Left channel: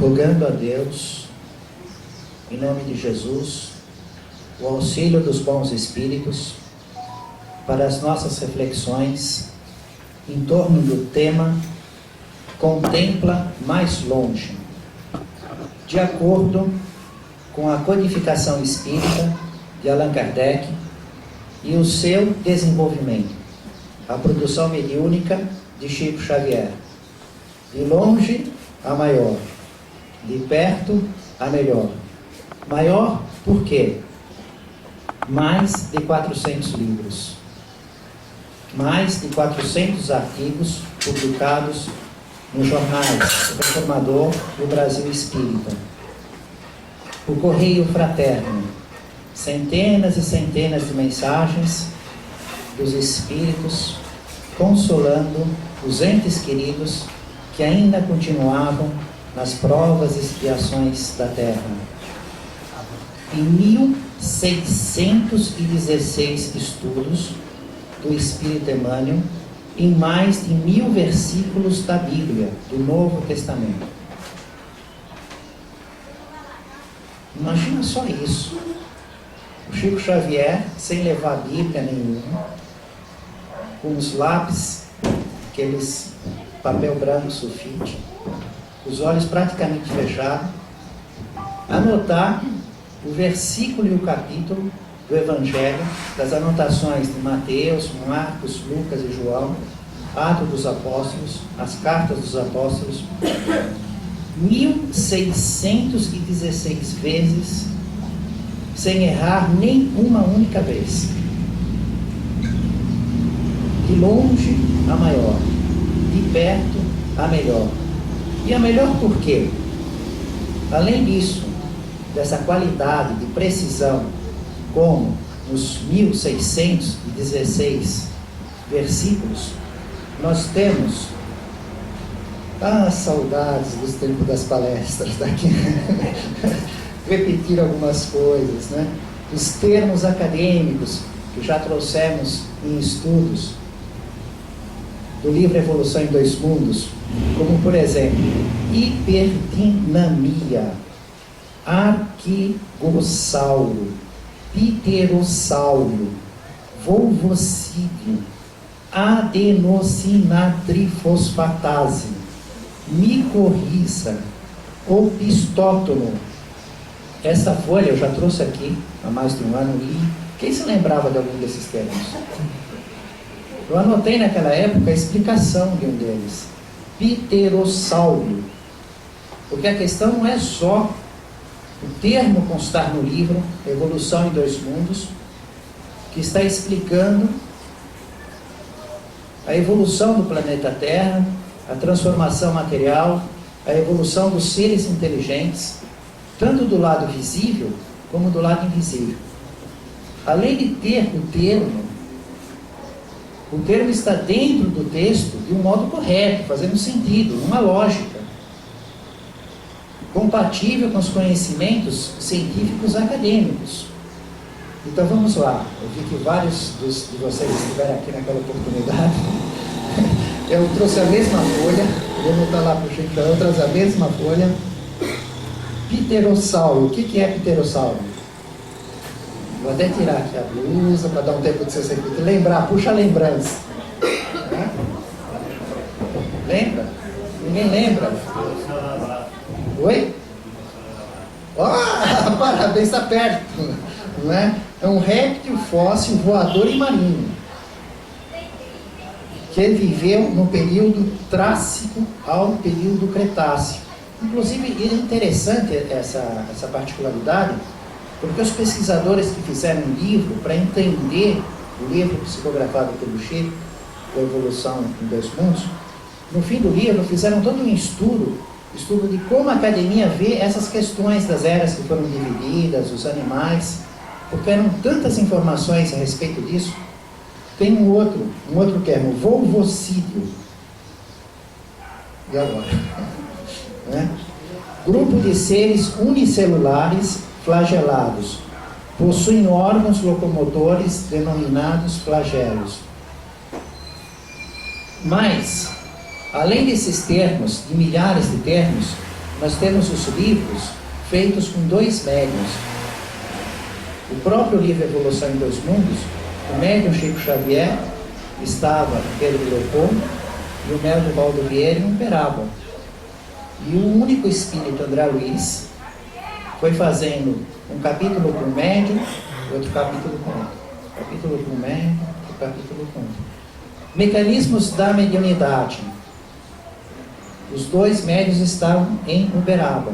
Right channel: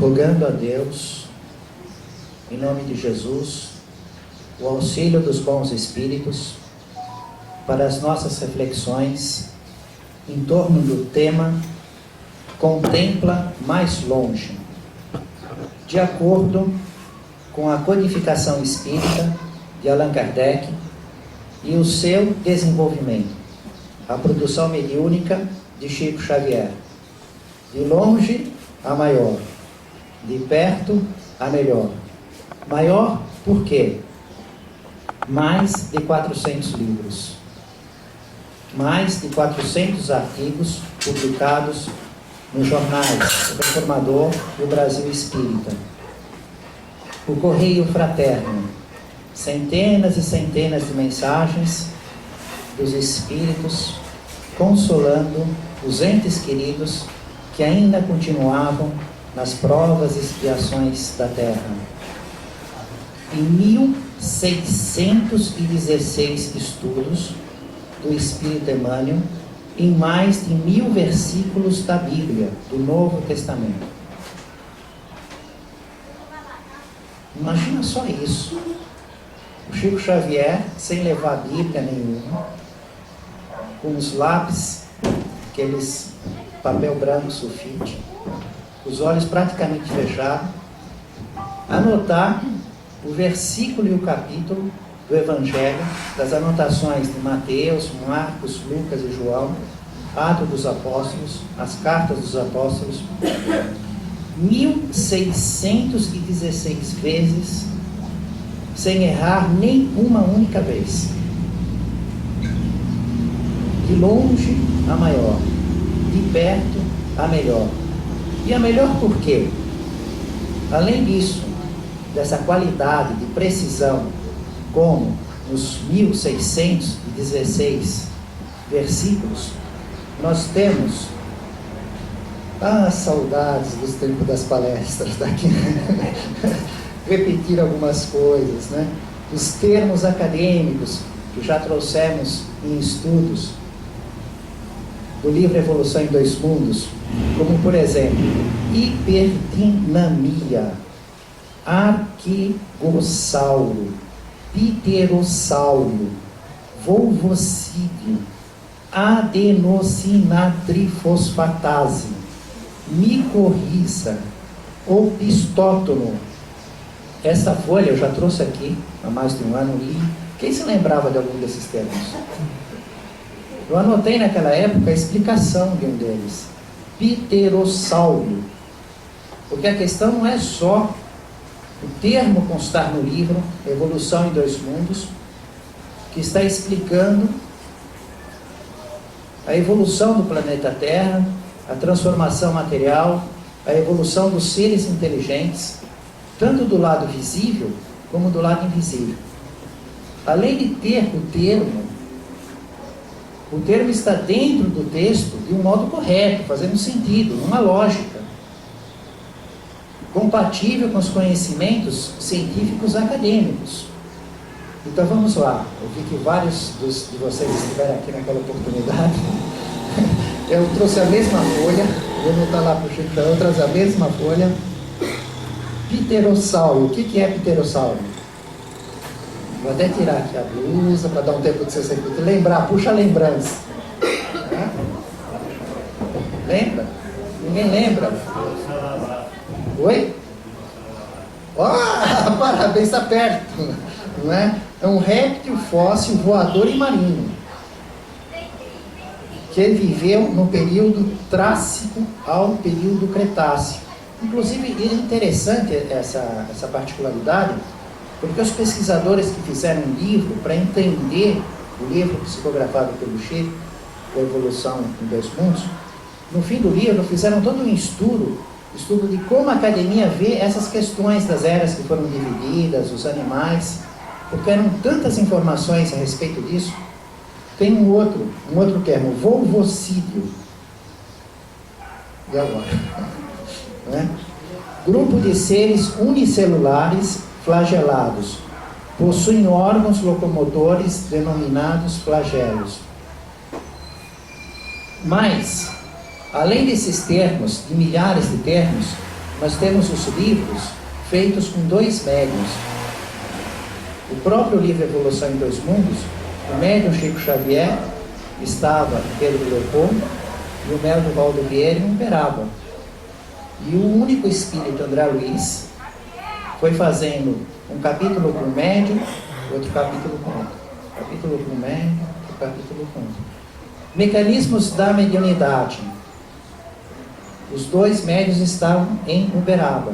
rogando a Deus, em nome de Jesus, o auxílio dos bons espíritos para as nossas reflexões em torno do tema Contempla mais longe, de acordo com a codificação espírita de Allan Kardec e o seu desenvolvimento, a produção mediúnica de Chico Xavier, de longe a maior, de perto a melhor. Maior por quê? Mais de 400 livros, mais de 400 artigos publicados nos jornais O Reformador e o Brasil Espírita, o Correio Fraterno, centenas e centenas de mensagens dos espíritos consolando os entes queridos que ainda continuavam nas provas e expiações da terra. Em 1616 estudos do Espírito Emmanuel, em mais de 1000 versículos da Bíblia, do Novo Testamento. Imagina só isso. O Chico Xavier, sem levar Bíblia nenhuma, com os lápis, aqueles papel branco sulfite, os olhos praticamente fechados, anotar o versículo e o capítulo do Evangelho, das anotações de Mateus, Marcos, Lucas e João, Atos dos Apóstolos, as cartas dos apóstolos, 1616 vezes, sem errar nem uma única vez. De longe a maior, de perto a melhor. E a melhor por quê? Além disso, dessa qualidade de precisão, como nos 1616 versículos, nós temos saudades dos tempos das palestras daqui. Repetir algumas coisas, né? Os termos acadêmicos que já trouxemos em estudos do livro Evolução em Dois Mundos, como por exemplo, hiperdinamia, arquigossauro, pterossauro, volvocídio, adenosinatrifosfatase, micorriza, opistótono. Essa folha eu já trouxe aqui há mais de um ano e quem se lembrava de algum desses termos? Eu anotei naquela época a explicação de um deles, pterossauro, porque a questão não é só o termo constar no livro Evolução em Dois Mundos, que está explicando a evolução do planeta Terra, a transformação material, a evolução dos seres inteligentes, tanto do lado visível como do lado invisível. Além de ter o termo está dentro do texto de um modo correto, fazendo sentido, uma lógica, compatível com os conhecimentos científicos acadêmicos. Então vamos lá, eu vi que vários de vocês estiveram aqui naquela oportunidade. Eu trouxe a mesma folha, vou voltar lá para o Chico, eu trouxe a mesma folha. Pterossauro, o que é pterossauro? Vou até tirar aqui a blusa para dar um tempo de você lembrar, puxa a lembrança. Lembra? Ninguém lembra? Oi? Parabéns, está perto, não é? É um réptil fóssil voador e marinho, que ele viveu no período Trássico ao período Cretáceo. Inclusive, é interessante essa particularidade, porque os pesquisadores que fizeram um livro para entender o livro psicografado pelo Chico, A Evolução em Dois Mundos, no fim do livro fizeram todo um estudo de como a academia vê essas questões das eras que foram divididas, os animais, porque eram tantas informações a respeito disso. Tem um outro termo, volvocídio. E agora? Né? Grupo de seres unicelulares flagelados, possuem órgãos locomotores denominados flagelos. Mas, além desses termos, de milhares de termos, nós temos os livros feitos com 2 médiuns. O próprio livro Evolução em Dois Mundos, o médium Chico Xavier estava em Pedro Leopoldo e o médium Valdo Vieira em Uberaba. E o único espírito, André Luiz, foi fazendo um capítulo com o médium, outro capítulo com outro. Capítulo com o médium, outro capítulo com outro. Mecanismos da mediunidade. Os 2 médiuns estavam em Uberaba.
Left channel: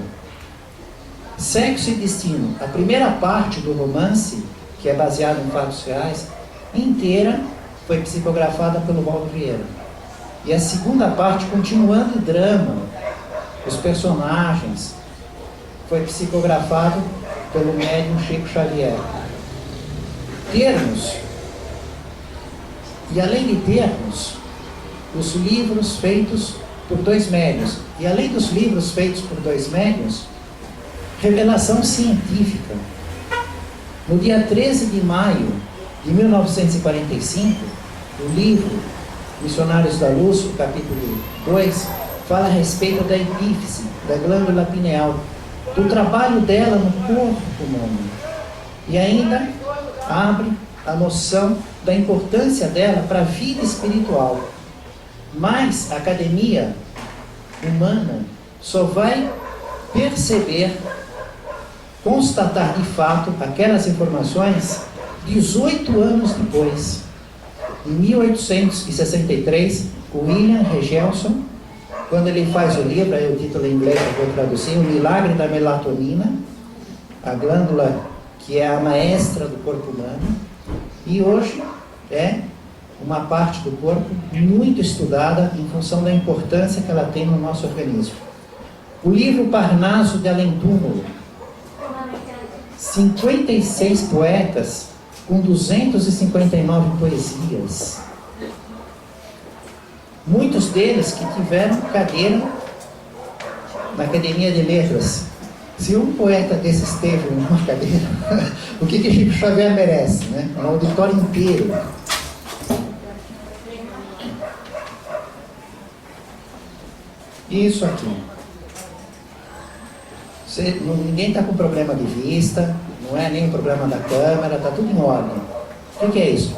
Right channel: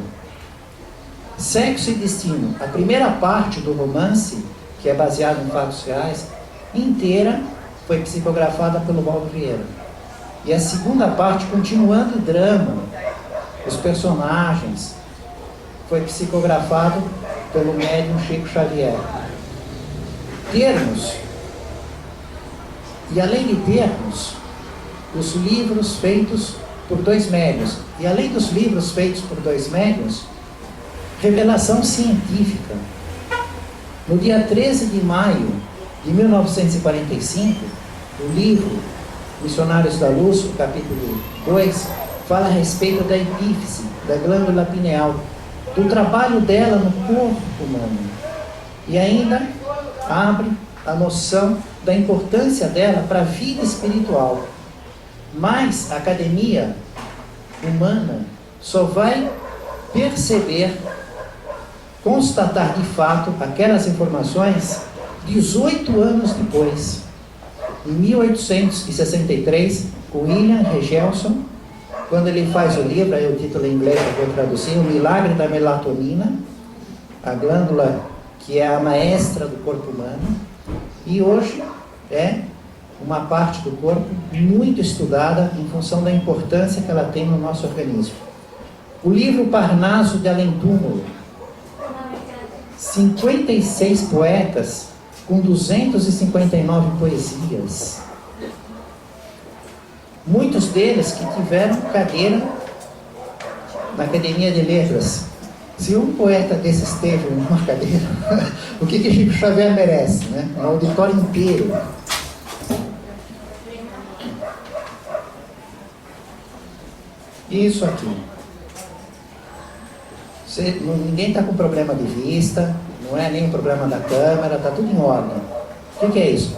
Sexo e Destino. A primeira parte do romance, que é baseado em fatos reais, inteira foi psicografada pelo Valdo Vieira. E a segunda parte, continuando o drama, os personagens, foi psicografado pelo médium Chico Xavier. Termos. E além de termos, os livros feitos por 2 médiuns. E além dos livros feitos por 2 médiuns, revelação científica. No dia 13 de maio de 1945, o livro Missionários da Luz, o capítulo 2, fala a respeito da epífise, da glândula pineal, do trabalho dela no corpo humano. E ainda abre a noção da importância dela para a vida espiritual. Mas a academia humana só vai perceber, constatar de fato aquelas informações 18 anos depois. Em 1863, o William Regelson, quando ele faz o livro, aí o título em inglês eu vou traduzir, O Milagre da Melatonina, a glândula que é a maestra do corpo humano, e hoje é uma parte do corpo muito estudada em função da importância que ela tem no nosso organismo. O livro Parnaso de Além Túmulo, 56 poetas com 259 poesias. Muitos deles que tiveram cadeira na Academia de Letras. Se um poeta desses teve uma cadeira, o que Chico Xavier merece, né? Um auditório inteiro. Isso aqui. Ninguém está com problema de vista, não é nem um problema da câmera, está tudo em ordem. O que é isso?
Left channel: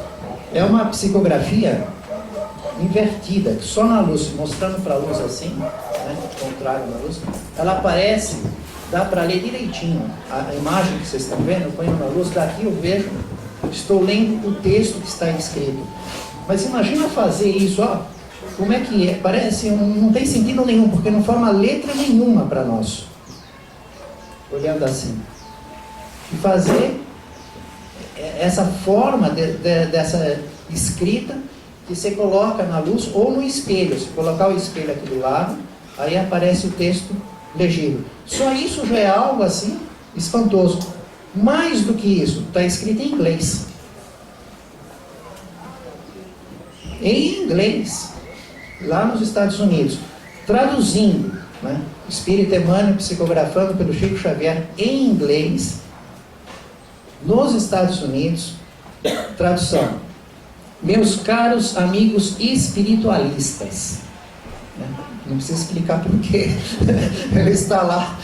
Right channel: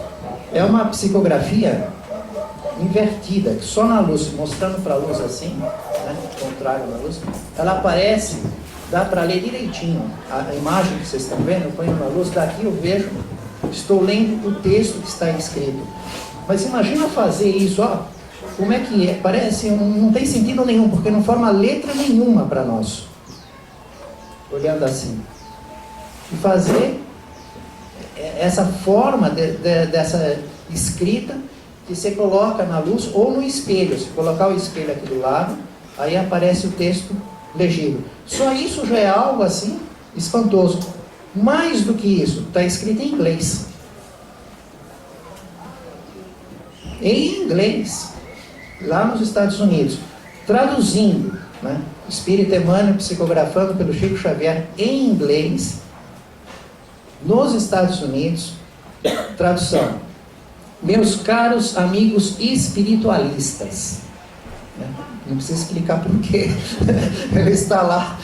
É uma psicografia invertida, que só na luz, mostrando para a luz assim, né, contrário na luz, ela aparece, dá para ler direitinho. A imagem que vocês estão vendo, eu ponho na luz, daqui eu vejo, estou lendo o texto que está escrito. Mas imagina fazer isso, ó, como é que é? Parece, não tem sentido nenhum, porque não forma letra nenhuma para nós. Olhando assim. E fazer essa forma dessa escrita que você coloca na luz ou no espelho. Se colocar o espelho aqui do lado, aí aparece o texto legível. Só isso já é algo assim espantoso. Mais do que isso, está escrito em inglês. Em inglês, lá nos Estados Unidos. Traduzindo, né? Espírito Emmanuel psicografando pelo Chico Xavier em inglês, nos Estados Unidos. Tradução: meus caros amigos espiritualistas, né? Não precisa explicar porquê. Ele está lá.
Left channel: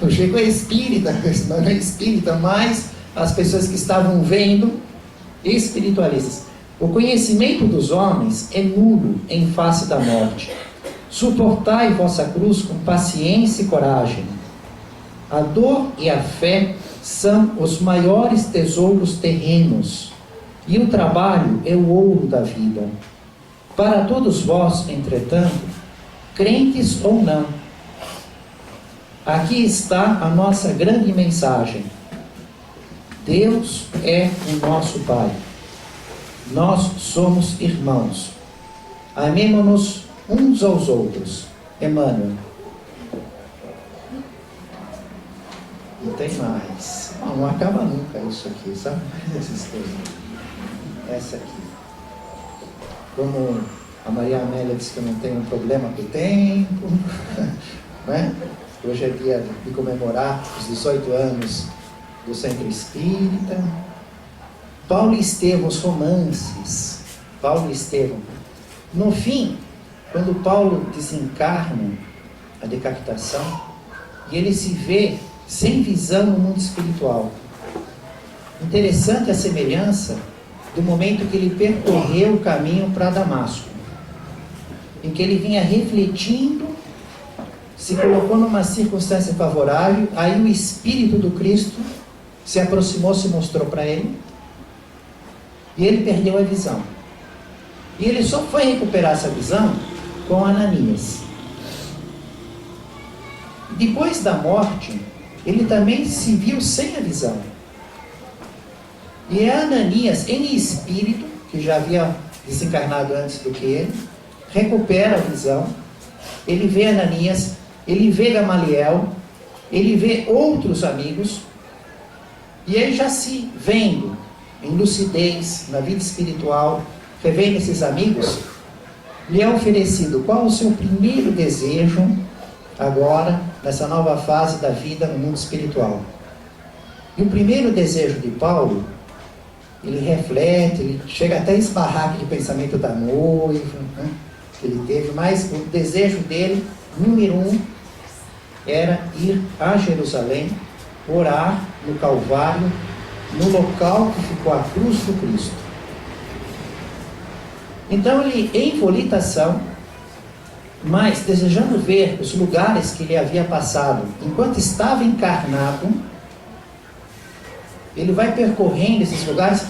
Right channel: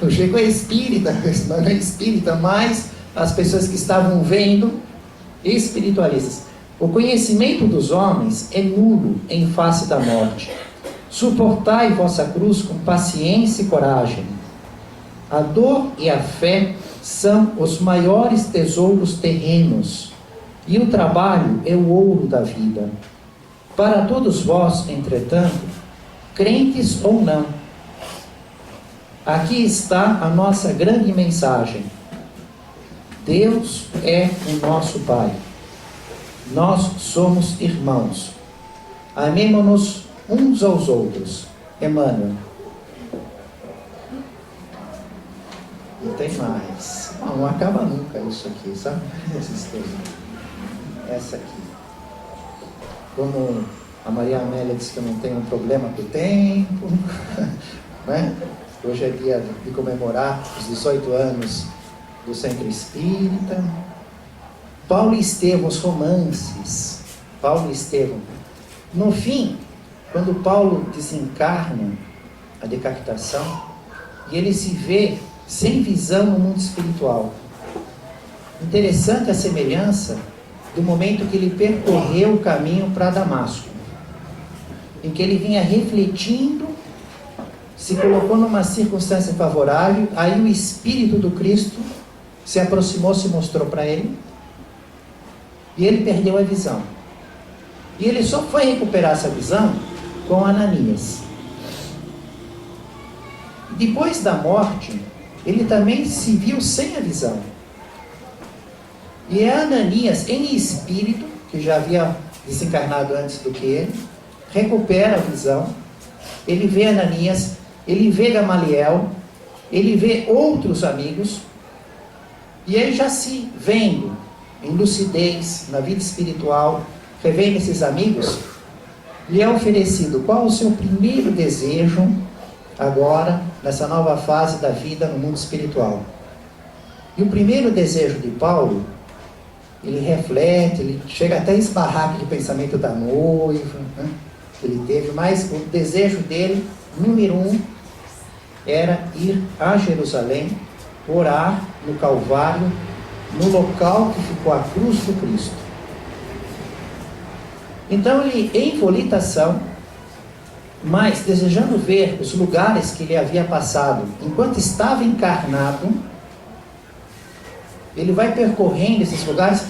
O Chico é espírita, não é espírita, mas as pessoas que estavam vendo, espiritualistas. O conhecimento dos homens é nulo em face da morte. Suportai vossa cruz com paciência e coragem. A dor e a fé são os maiores tesouros terrenos, e o trabalho é o ouro da vida. Para todos vós, entretanto, crentes ou não, aqui está a nossa grande mensagem. Deus é o nosso Pai. Nós somos irmãos. Amemo-nos uns aos outros. Emmanuel. E tem mais. Não acaba nunca isso aqui, sabe? Essa história. Essa aqui. Como a Maria Amélia disse que eu não tenho um problema com o tempo, né? Hoje é dia de comemorar os 18 anos do Centro Espírita. Paulo e Estevão, os romances. Paulo e Estevão. No fim, quando Paulo desencarna a decapitação, e ele se vê sem visão no mundo espiritual. Interessante a semelhança do momento que ele percorreu o caminho para Damasco, em que ele vinha refletindo, se colocou numa circunstância favorável, aí o Espírito do Cristo se aproximou, se mostrou para ele, e ele perdeu a visão. E ele só foi recuperar essa visão com Ananias. Depois da morte, ele também se viu sem a visão. E é Ananias, em espírito, que já havia desencarnado antes do que ele, recupera a visão. Ele vê Ananias, ele vê Gamaliel, ele vê outros amigos, e ele já se vendo em lucidez, na vida espiritual, revendo esses amigos, lhe é oferecido qual o seu primeiro desejo agora, nessa nova fase da vida no mundo espiritual. E o primeiro desejo de Paulo, ele reflete, ele chega até a esbarrar de pensamento da noiva, né, que ele teve, mas o desejo dele, número 1, era ir a Jerusalém, orar no Calvário, no local que ficou a cruz do Cristo. Então ele, em volitação, mas desejando ver os lugares que ele havia passado enquanto estava encarnado, ele vai percorrendo esses lugares,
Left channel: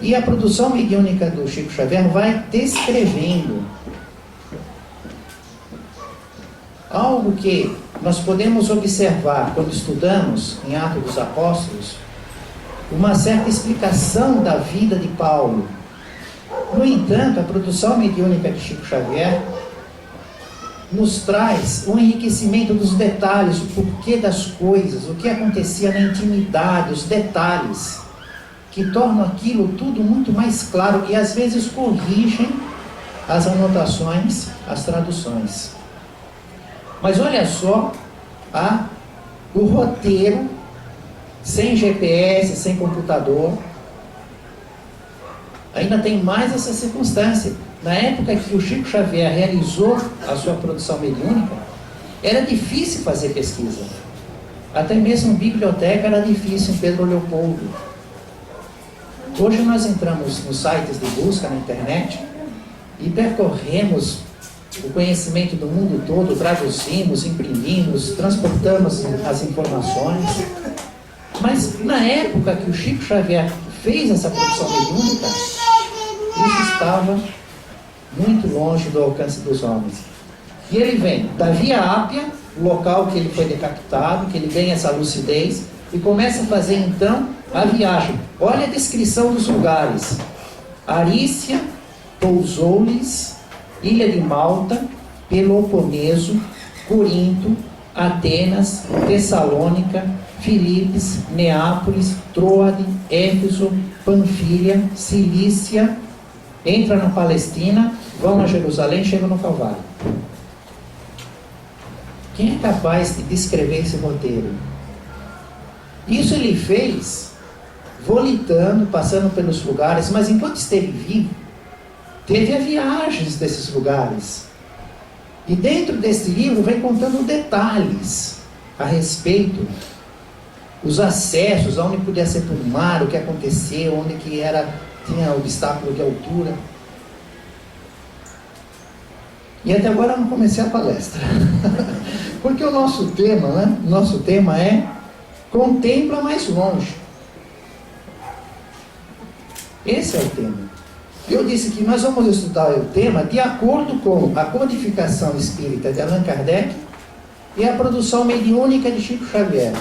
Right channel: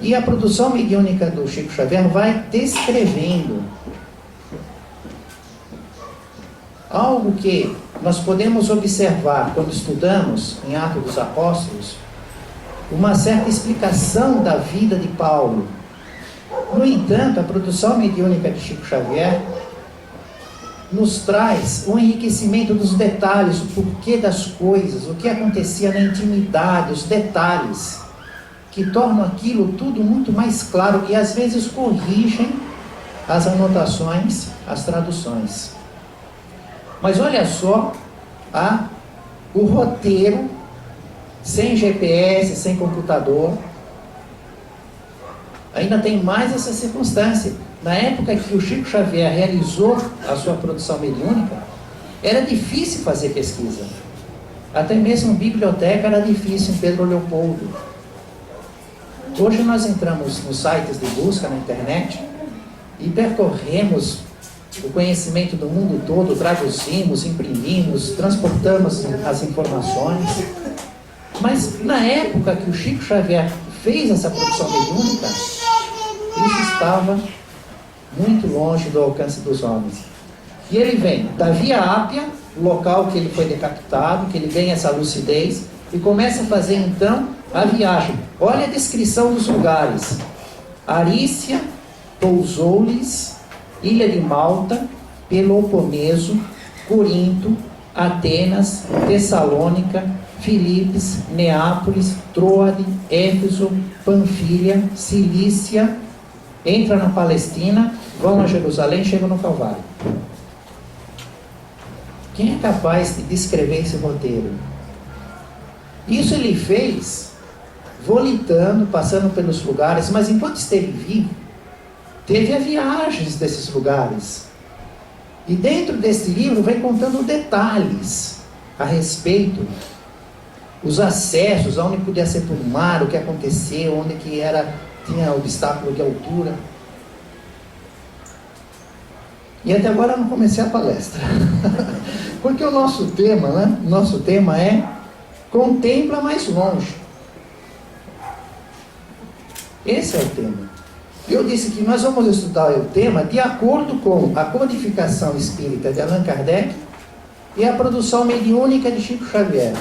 e a produção mediúnica do Chico Xavier vai descrevendo algo que nós podemos observar quando estudamos em Atos dos Apóstolos, uma certa explicação da vida de Paulo. No entanto, a produção mediúnica de Chico Xavier nos traz um enriquecimento dos detalhes, o porquê das coisas, o que acontecia na intimidade, os detalhes, que tornam aquilo tudo muito mais claro e às vezes corrigem as anotações, as traduções. Mas olha só o roteiro, sem GPS, sem computador. Ainda tem mais essa circunstância. Na época que o Chico Xavier realizou a sua produção mediúnica, era difícil fazer pesquisa. Até mesmo biblioteca era difícil em Pedro Leopoldo. Hoje nós entramos nos sites de busca na internet e percorremos o conhecimento do mundo todo, traduzimos, imprimimos, transportamos as informações. Mas na época que o Chico Xavier fez essa produção mediúnica, isso estava muito longe do alcance dos homens. E ele vem da Via Ápia, local que ele foi decapitado, que ele ganha essa lucidez, e começa a fazer então a viagem. Olha a descrição dos lugares: Arícia, Pousoulis, Ilha de Malta, Peloponeso, Corinto, Atenas, Tessalônica, Filipos, Neápolis, Troade, Éfeso, Panfilha, Cilícia, entra na Palestina, vão a Jerusalém, chegam no Calvário. Quem é capaz de descrever esse roteiro? Isso ele fez volitando, passando pelos lugares, mas enquanto esteve vivo, teve as viagens desses lugares. E dentro desse livro vem contando detalhes a respeito, os acessos, onde podia ser por mar, o que aconteceu, onde que tinha obstáculo de altura. E até agora eu não comecei a palestra. Porque o nosso tema, né? Nosso tema é contempla mais longe. Esse é o tema. Eu disse que nós vamos estudar o tema de acordo com a codificação espírita de Allan Kardec e a produção mediúnica de Chico Xavier,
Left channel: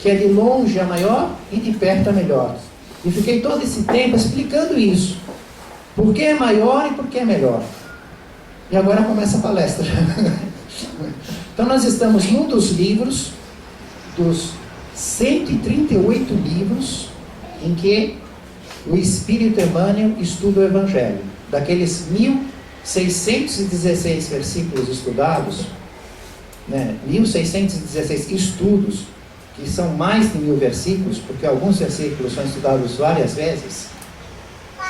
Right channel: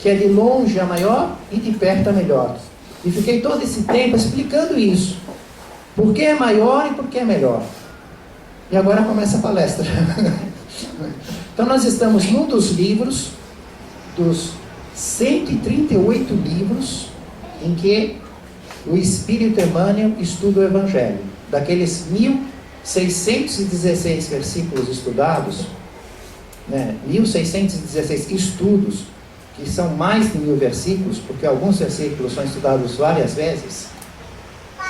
que é de longe a maior e de perto a melhor. E fiquei todo esse tempo explicando isso. Por que é maior e por que é melhor. E agora começa a palestra. Então nós estamos num dos livros, dos 138 livros, em que o Espírito Emmanuel estuda o Evangelho. Daqueles 1.616 versículos estudados, 1.616 estudos, que são mais de 1.000 versículos, porque alguns versículos são estudados várias vezes,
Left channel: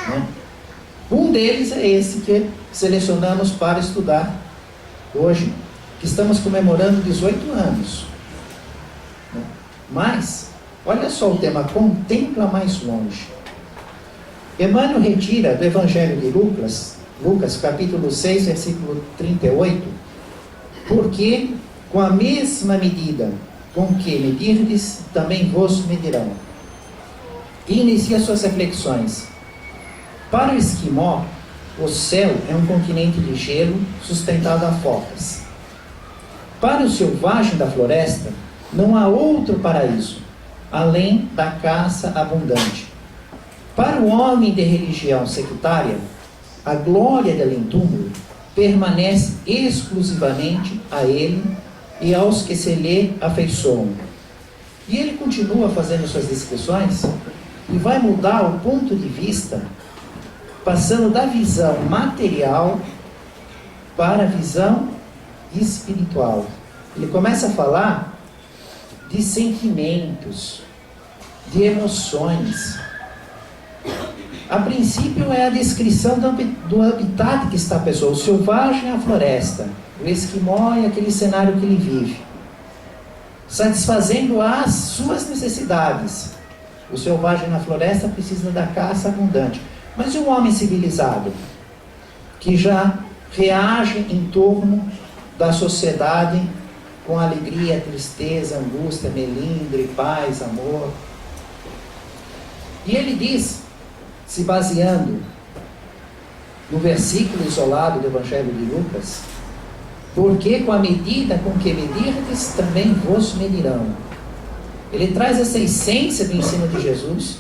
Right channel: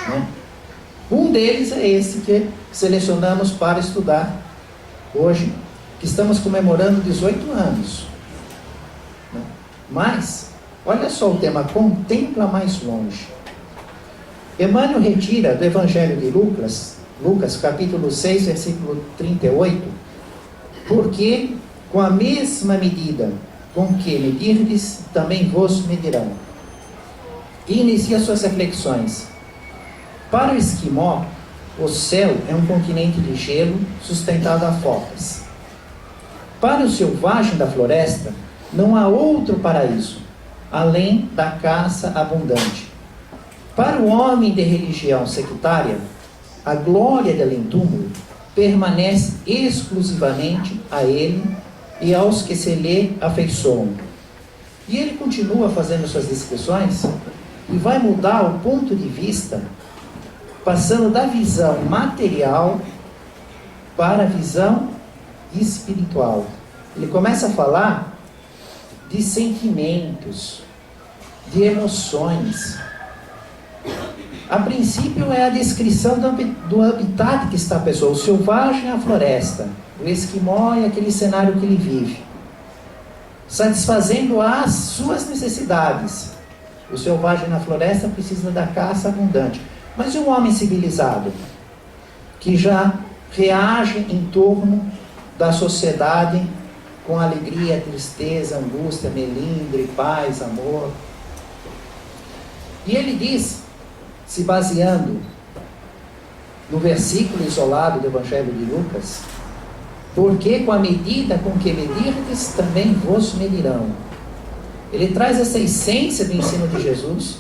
né? Um deles é esse que selecionamos para estudar hoje, que estamos comemorando 18 anos. Né? Mas, olha só o tema, contempla mais longe. Emmanuel retira do Evangelho de Lucas, capítulo 6, versículo 38, porque com a mesma medida com que medirdes, também vos medirão. E inicia suas reflexões. Para o esquimó, o céu é um continente de gelo sustentado a focas. Para o selvagem da floresta, não há outro paraíso, além da caça abundante. Para o homem de religião sectária, a glória do além-túmulo permanece exclusivamente a ele e aos que se lhe afeiçoam. E ele continua fazendo suas descrições e vai mudar o ponto de vista, passando da visão material para a visão espiritual. Ele começa a falar de sentimentos, de emoções. A princípio é a descrição do habitat que está a pessoa. O selvagem é a floresta, o esquimó é aquele cenário que ele vive, satisfazendo as suas necessidades. O selvagem na floresta precisa da caça abundante. Mas e o homem civilizado, que já reage em torno da sociedade com alegria, tristeza, angústia, melindre, paz, amor? E ele diz, se baseando no versículo isolado do Evangelho de Lucas, porque com a medida com que medirdes, também vos medirão. Ele traz essa essência do ensino de Jesus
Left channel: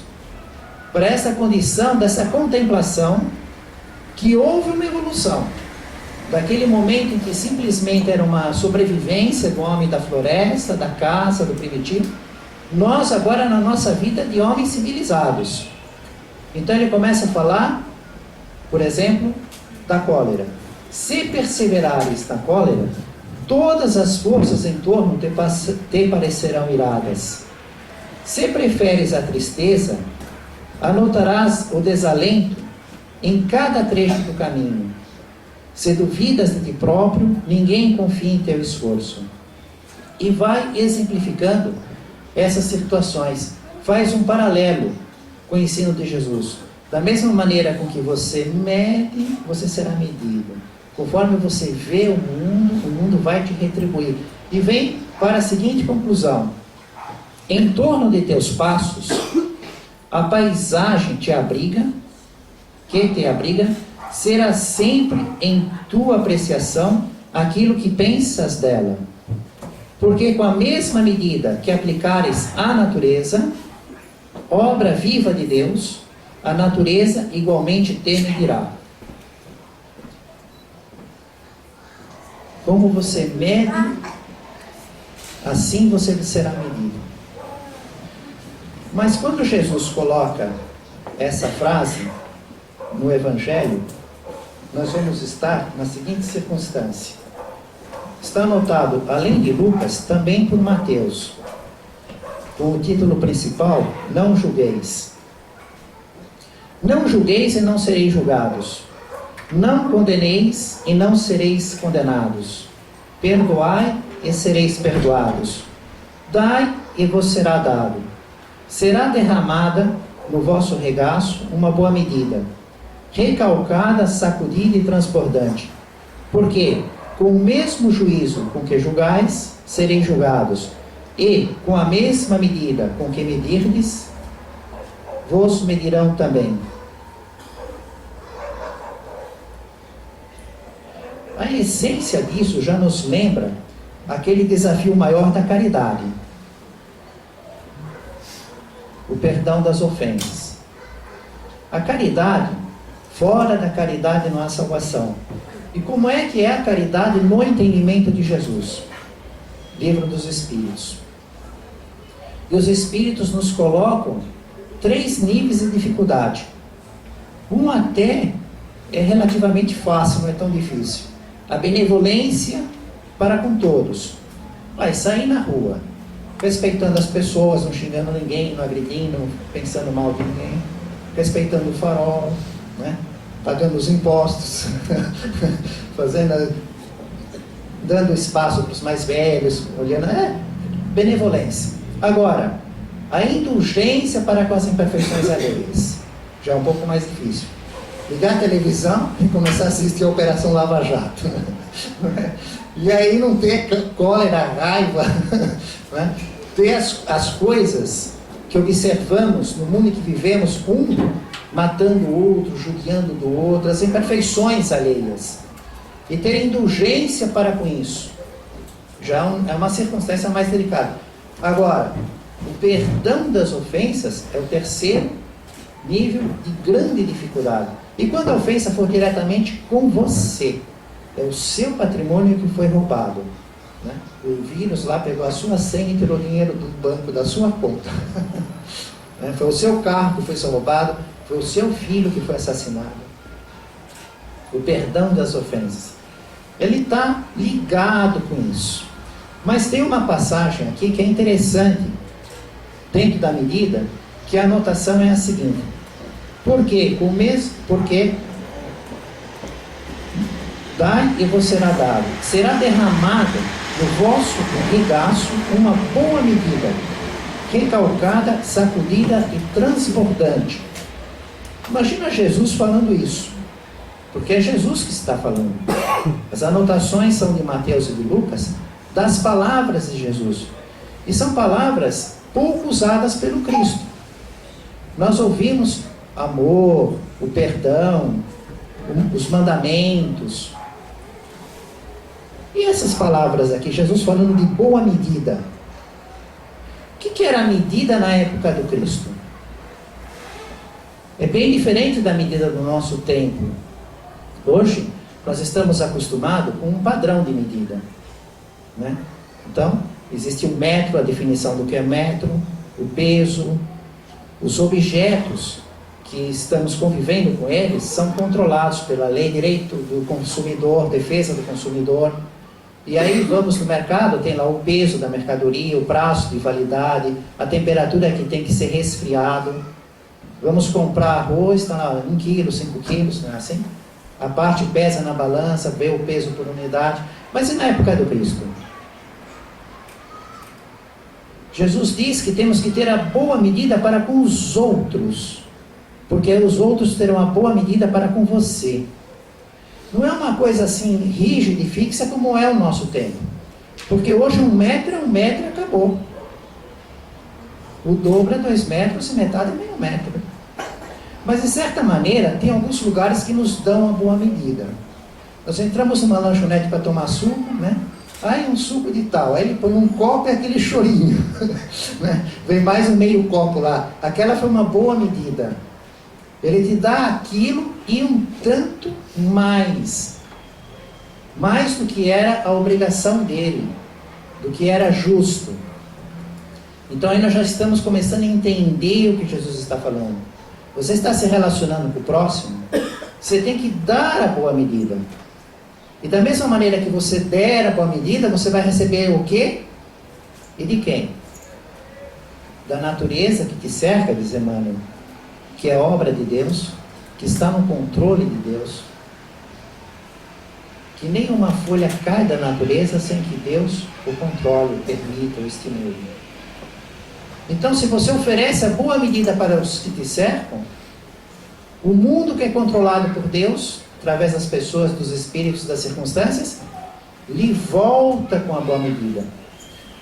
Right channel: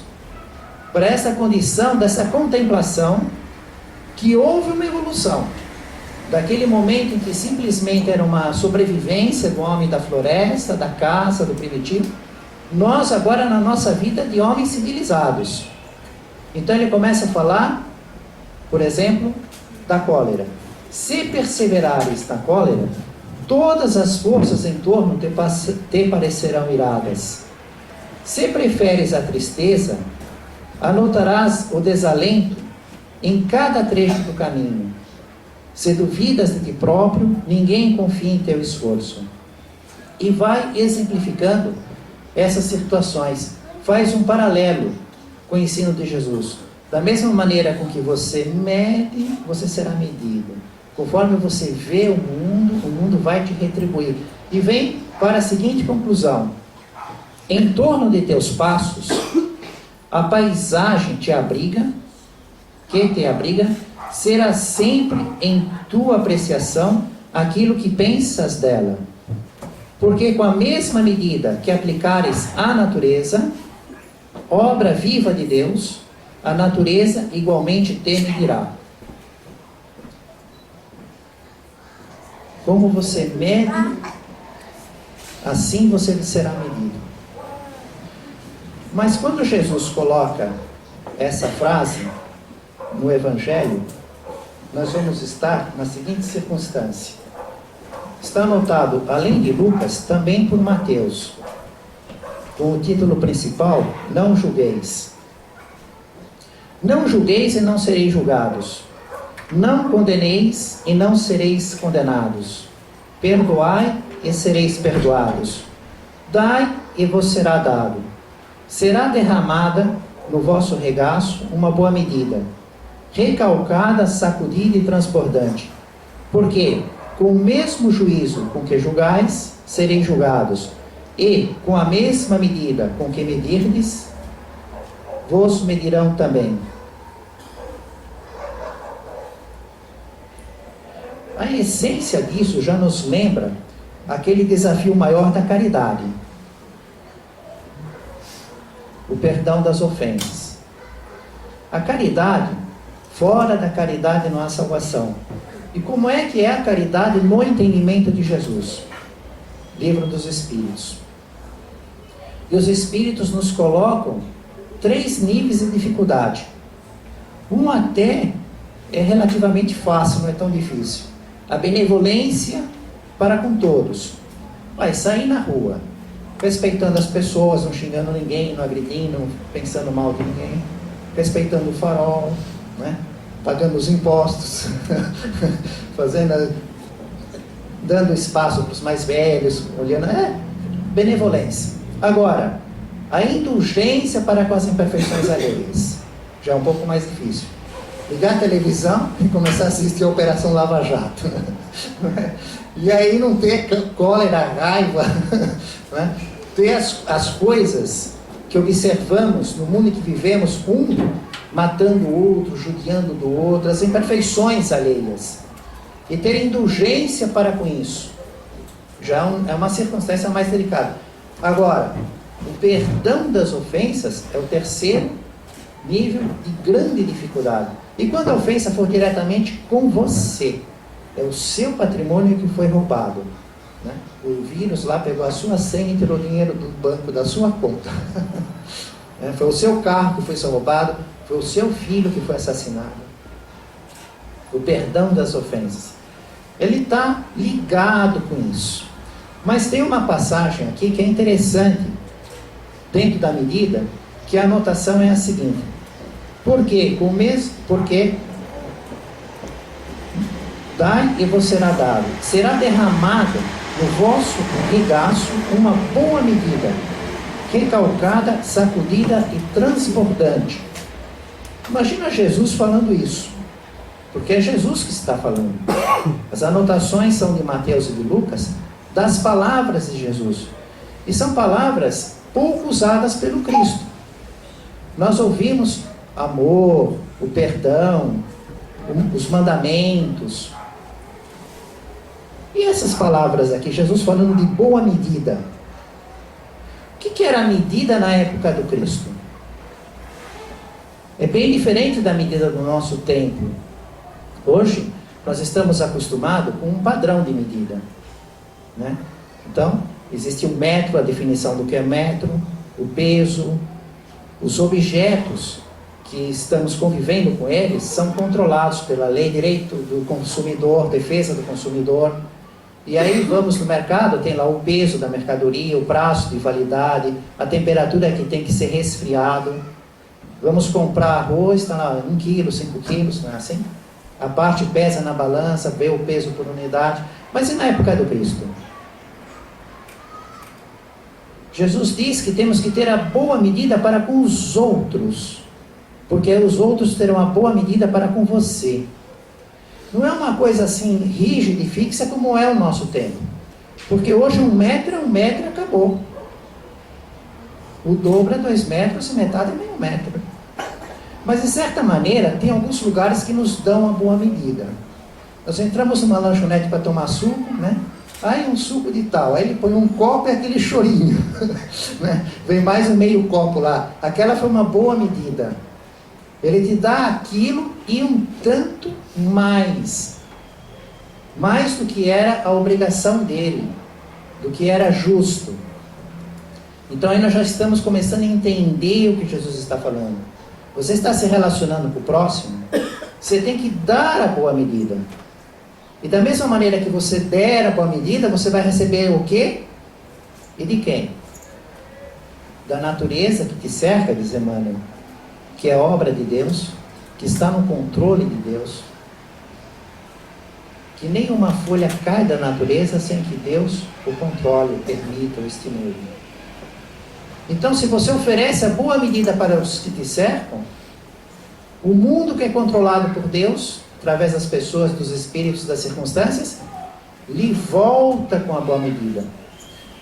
para essa condição, dessa contemplação, que houve uma evolução. Daquele momento em que simplesmente era uma sobrevivência do homem da floresta, da caça, do primitivo, nós agora na nossa vida de homens civilizados. Então ele começa a falar, por exemplo, da cólera. Se perseverares na cólera, todas as forças em torno te parecerão iradas. Se preferes a tristeza, anotarás o desalento em cada trecho do caminho. Se duvidas de ti próprio, ninguém confia em teu esforço. E vai exemplificando essas situações. Faz um paralelo com o ensino de Jesus. Da mesma maneira com que você mede, você será medido. Conforme você vê o mundo vai te retribuir. E vem para a seguinte conclusão. Em torno de teus passos, a paisagem te abriga, será sempre em tua apreciação aquilo que pensas dela. Porque com a mesma medida que aplicares à natureza, obra viva de Deus, a natureza igualmente te medirá. Como você mede, assim você será medido. Mas quando Jesus coloca essa frase no Evangelho, nós vamos estar na seguinte circunstância. Está anotado, além de Lucas, também por Mateus, com o título principal, Não julgueis. Não julgueis e não sereis julgados. Não condeneis e não sereis condenados. Perdoai e sereis perdoados. Dai e vos será dado. Será derramada no vosso regaço uma boa medida, recalcada, sacudida e transbordante. Porque com o mesmo juízo com que julgais, sereis julgados, e com a mesma medida com que medirdes, vos medirão também. A essência disso já nos lembra aquele desafio maior da caridade. O perdão das ofensas. A caridade, fora da caridade não há salvação. E como é que é a caridade no entendimento de Jesus? Livro dos Espíritos. E os Espíritos nos colocam 3 níveis de dificuldade. Um até é relativamente fácil, não é tão difícil. A benevolência para com todos. Vai sair na rua, respeitando as pessoas, não xingando ninguém, não agredindo, não pensando mal de ninguém, respeitando o farol, né? Pagando os impostos, fazendo dando espaço para os mais velhos, olhando, benevolência. Agora, a indulgência para com as imperfeições alheias, já é um pouco mais difícil. Ligar a televisão e começar a assistir a Operação Lava Jato. E aí não ter cólera, raiva, né? Ter as coisas que observamos no mundo em que vivemos, um matando o outro, judiando do outro, as imperfeições alheias. E ter indulgência para com isso. Já é uma circunstância mais delicada. Agora, o perdão das ofensas é o terceiro nível de grande dificuldade. E quando a ofensa for diretamente com você, é o seu patrimônio que foi roubado, né? O vírus lá pegou a sua senha e tirou dinheiro do banco da sua conta. Foi o seu carro que foi roubado, foi o seu filho que foi assassinado. O perdão das ofensas. Ele está ligado com isso. Mas tem uma passagem aqui que é interessante, dentro da medida, que a anotação é a seguinte. Porque dai e vos será dado, será derramado no vosso regaço uma boa medida, recalcada, sacudida e transbordante. Imagina Jesus falando isso, porque é Jesus que está falando. As anotações são de Mateus e de Lucas, das palavras de Jesus, e são palavras pouco usadas pelo Cristo. Nós ouvimos amor, o perdão, os mandamentos. E essas palavras aqui, Jesus falando de boa medida. O que era a medida na época do Cristo? É bem diferente da medida do nosso tempo. Hoje, nós estamos acostumados com um padrão de medida, né? Então, existe o metro, a definição do que é metro, o peso, os objetos que estamos convivendo com eles são controlados pela lei, direito do consumidor, defesa do consumidor. E aí vamos no mercado, tem lá o peso da mercadoria, o prazo de validade, a temperatura que tem que ser resfriado. Vamos comprar arroz, está lá 1 quilo, 5 quilos, não é assim? A parte pesa na balança, vê o peso por unidade. Mas e na época do Cristo? Jesus diz que temos que ter a boa medida para com os outros, porque os outros terão a boa medida para com você. Não é uma coisa assim rígida e fixa como é o nosso tempo, porque hoje 1 metro é 1 metro e acabou. O dobro é 2 metros e metade é meio metro. Mas de certa maneira tem alguns lugares que nos dão a boa medida. Nós entramos numa lanchonete para tomar suco, né? Aí um suco de tal, aí ele põe um copo e aquele chorinho, né? Vem mais um meio copo lá. Aquela foi uma boa medida. Ele te dá aquilo e um tanto mais do que era a obrigação dele, do que era justo. Então aí nós já estamos começando a entender o que Jesus está falando. Você está se relacionando com o próximo, você tem que dar a boa medida. E da mesma maneira que você der a boa medida, você vai receber o quê? E de quem? Da natureza que te cerca, diz Emmanuel, que é obra de Deus, que está no controle de Deus. Que nenhuma folha cai da natureza sem que Deus o controle, o permita, o estimule. Então, se você oferece a boa medida para os que te cercam, o mundo que é controlado por Deus, através das pessoas, dos espíritos, das circunstâncias, lhe volta com a boa medida.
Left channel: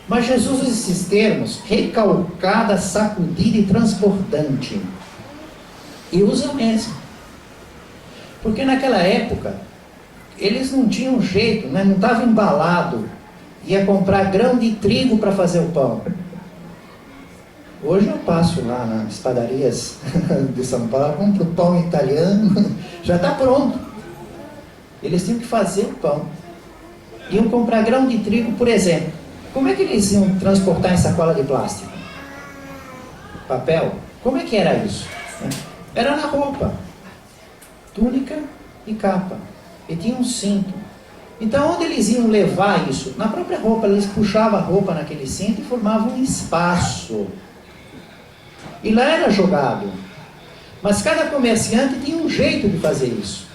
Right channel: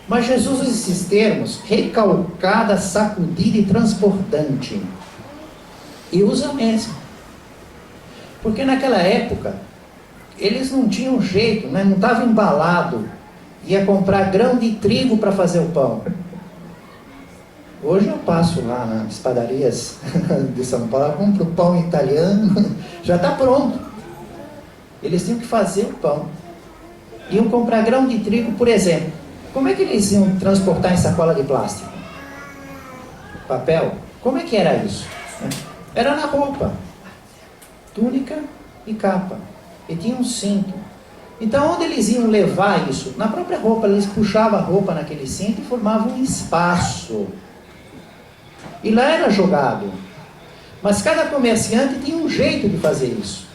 Mas Jesus usa esses termos, recalcada, sacudida e transbordante. E usa mesmo. Porque naquela época, eles não tinham jeito, né? Não estava embalado. Ia comprar grão de trigo para fazer o pão. Hoje eu passo lá nas padarias de São Paulo, compro pão italiano, já está pronto. Eles tinham que fazer o pão. Iam comprar grão de trigo, por exemplo. Como é que eles iam transportar em sacola de plástico? Papel? Como é que era isso? Era na roupa. Túnica e capa. E tinha um cinto. Então onde eles iam levar isso? Na própria roupa. Eles puxavam a roupa naquele cinto e formavam um espaço. E lá era jogado. Mas cada comerciante tinha um jeito de fazer isso.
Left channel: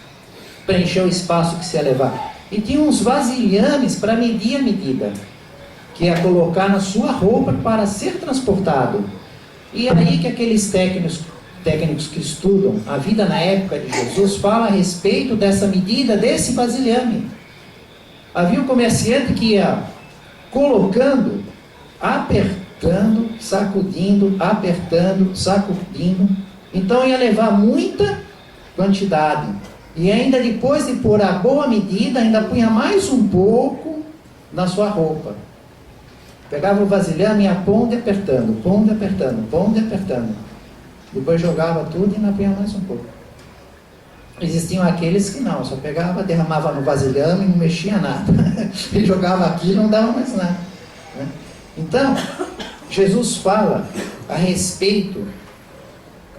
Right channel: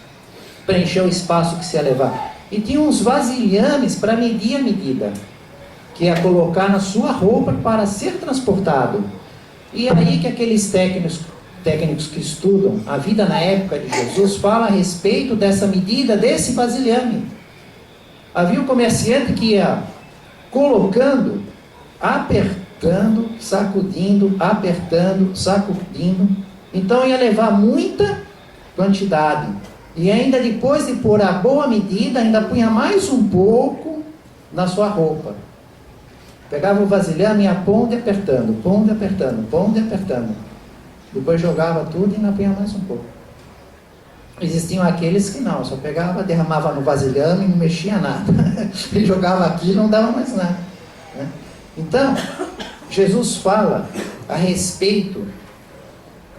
Preencher o espaço que se ia levar. e tinha uns vasilhames para medir a medida, que ia colocar na sua roupa para ser transportado. E aí que aqueles técnicos que estudam a vida na época de Jesus falam a respeito dessa medida, desse vasilhame. Havia um comerciante que ia colocando, apertando, sacudindo, apertando, sacudindo. Então ia levar muita quantidade. E ainda depois de pôr a boa medida, ainda punha mais um pouco na sua roupa. Pegava o vasilhame e ia pondo e apertando, pondo e apertando, pondo e apertando. Depois jogava tudo e ainda punha mais um pouco. Existiam aqueles que não, só pegava, derramava no vasilhame e não mexia nada. Ele jogava aqui e não dava mais nada, né? Então, Jesus fala a respeito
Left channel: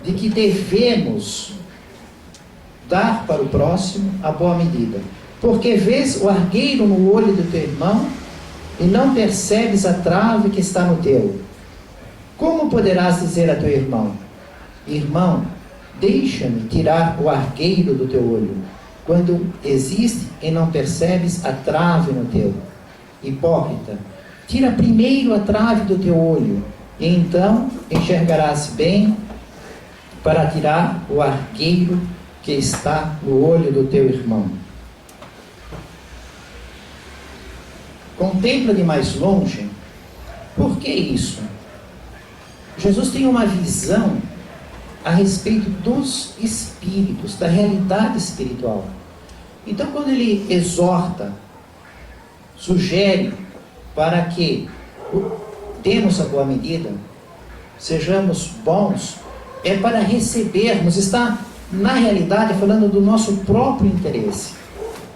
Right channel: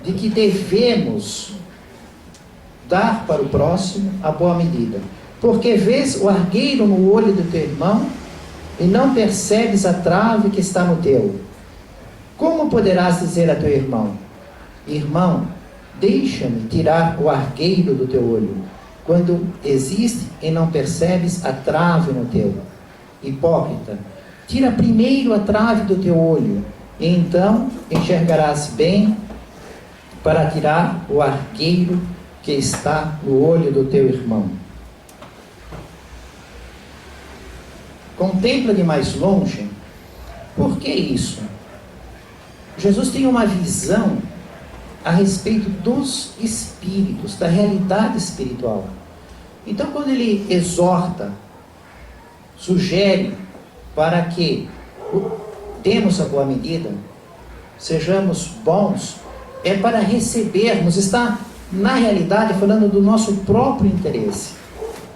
de que devemos dar para o próximo a boa medida. Porque vês o argueiro no olho do teu irmão e não percebes a trave que está no teu. Como poderás dizer a teu irmão: irmão, deixa-me tirar o argueiro do teu olho, quando existe e não percebes a trave no teu? Hipócrita, tira primeiro a trave do teu olho, e então enxergarás bem para tirar o argueiro que está no olho do teu irmão. Contempla de mais longe. Por que isso? Jesus tem uma visão a respeito dos espíritos, da realidade espiritual. Então, quando ele exorta, sugere para que demos a boa medida, sejamos bons, é para recebermos, está na realidade falando do nosso próprio interesse,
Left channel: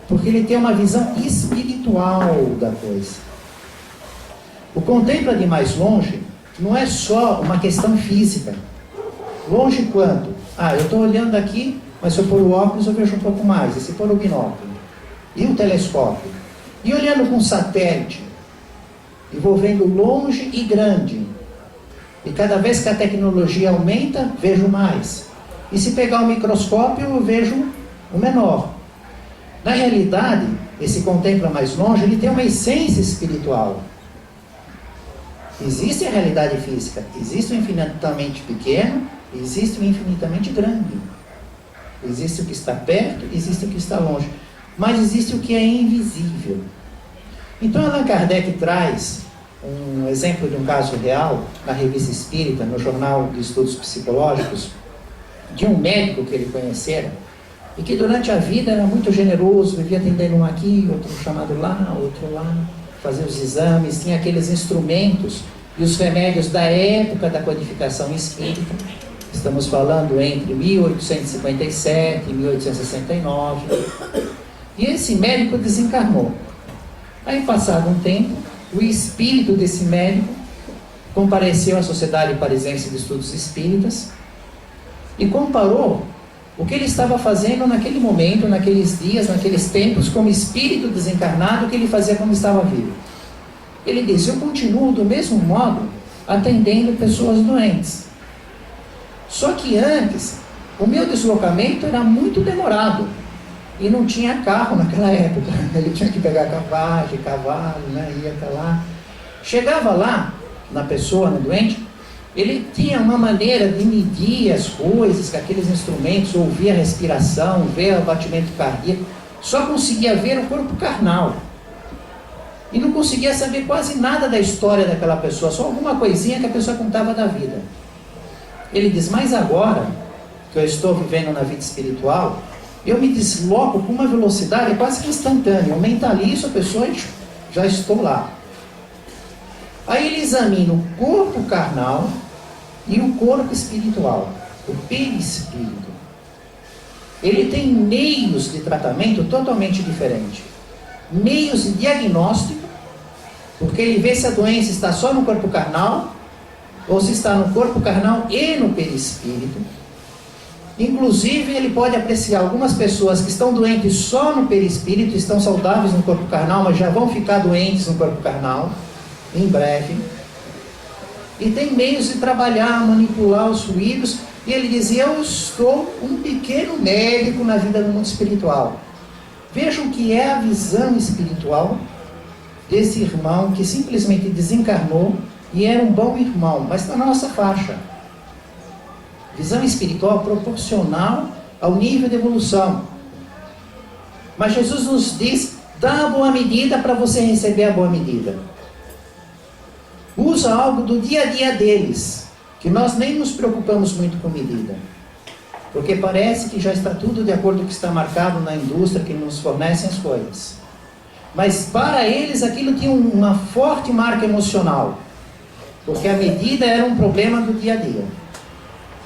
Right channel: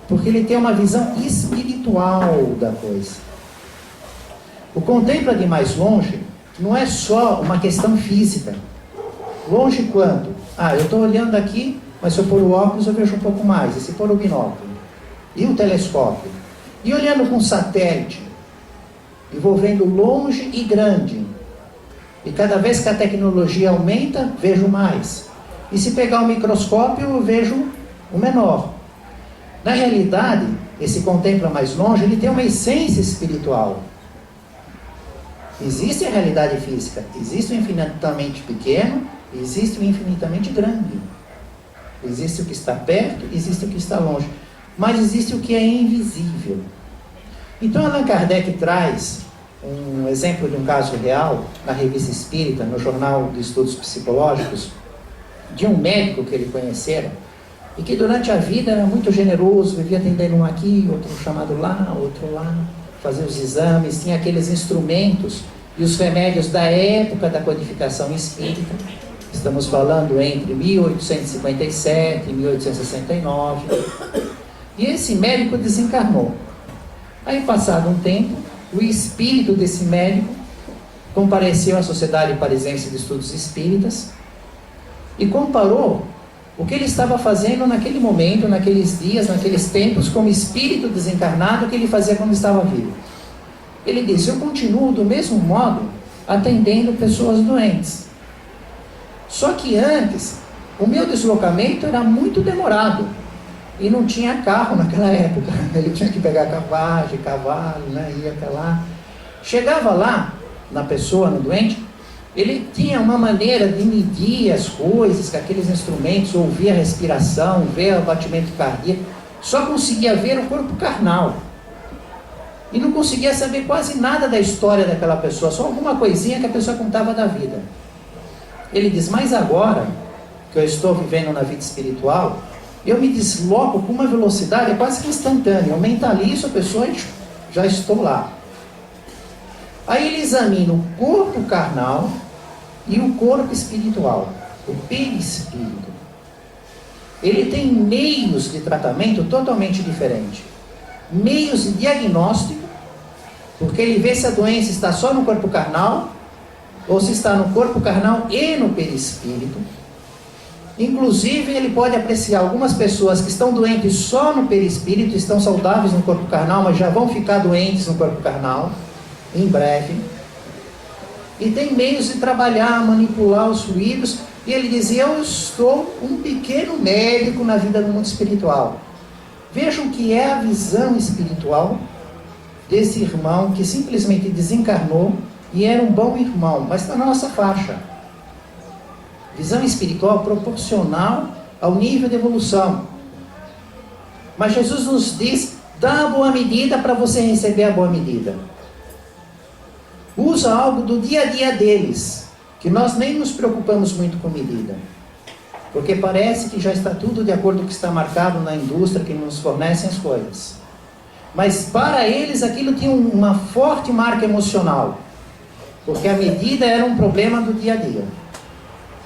porque ele tem uma visão espiritual da coisa. O contempla de mais longe não é só uma questão física. Longe quanto? Eu estou olhando aqui, mas se eu pôr o óculos eu vejo um pouco mais. E se pôr o binóculo? E o telescópio? E olhando com satélite? E vou vendo longe e grande. E cada vez que a tecnologia aumenta, vejo mais. E se pegar o microscópio, eu vejo o menor. Na realidade, esse contempla mais longe, ele tem uma essência espiritual. Existe a realidade física, existe o infinitamente pequeno, existe o infinitamente grande. Existe o que está perto, existe o que está longe. Mas existe o que é invisível. Então Allan Kardec traz um exemplo de um caso real, na Revista Espírita, no Jornal de Estudos Psicológicos, de um médico que ele conhecera, e que durante a vida era muito generoso, vivia atendendo um aqui, outro chamado lá, outro lá, fazia os exames, tinha aqueles instrumentos e os remédios da época da codificação espírita. Estamos falando entre 1857 e 1869. E esse médico desencarnou. Aí, passado um tempo, o espírito desse médico compareceu à Sociedade Parisiense de Estudos Espíritas e comparou o que ele estava fazendo naquele momento, naqueles dias, naqueles tempos, como espírito desencarnado, que ele fazia quando estava vivo. Ele disse: eu continuo do mesmo modo atendendo pessoas doentes. Só que antes, o meu deslocamento era muito demorado. E não tinha carro naquela época. Ele tinha que pegar cavalo, né? Ia até lá. Chegava lá, na pessoa, no doente, ele tinha uma maneira de medir as coisas, com aqueles instrumentos, ouvir a respiração, ver o batimento cardíaco. Só conseguia ver o corpo carnal. E não conseguia saber quase nada da história daquela pessoa, só alguma coisinha que a pessoa contava da vida. Ele diz: mas agora que eu estou vivendo na vida espiritual, eu me desloco com uma velocidade quase que instantânea. Eu mentalizo a pessoa e já estou lá. Aí ele examina o corpo carnal e o corpo espiritual, o perispírito. Ele tem meios de tratamento totalmente diferentes. Meios de diagnóstico, porque ele vê se a doença está só no corpo carnal, ou se está no corpo carnal e no perispírito. Inclusive, ele pode apreciar algumas pessoas que estão doentes só no perispírito, estão saudáveis no corpo carnal, mas já vão ficar doentes no corpo carnal, em breve. E tem meios de trabalhar, manipular os fluidos. E ele dizia: eu estou um pequeno médico na vida do mundo espiritual. Vejam que é a visão espiritual desse irmão que simplesmente desencarnou e era um bom irmão, mas está na nossa faixa. Visão espiritual proporcional ao nível de evolução. Mas Jesus nos diz, dá a boa medida para você receber a boa medida. Usa algo do dia a dia deles, que nós nem nos preocupamos muito com medida. Porque parece que já está tudo de acordo com o que está marcado na indústria que nos fornecem as coisas. Mas para eles aquilo tinha uma forte marca emocional. Porque a medida era um problema do dia a dia.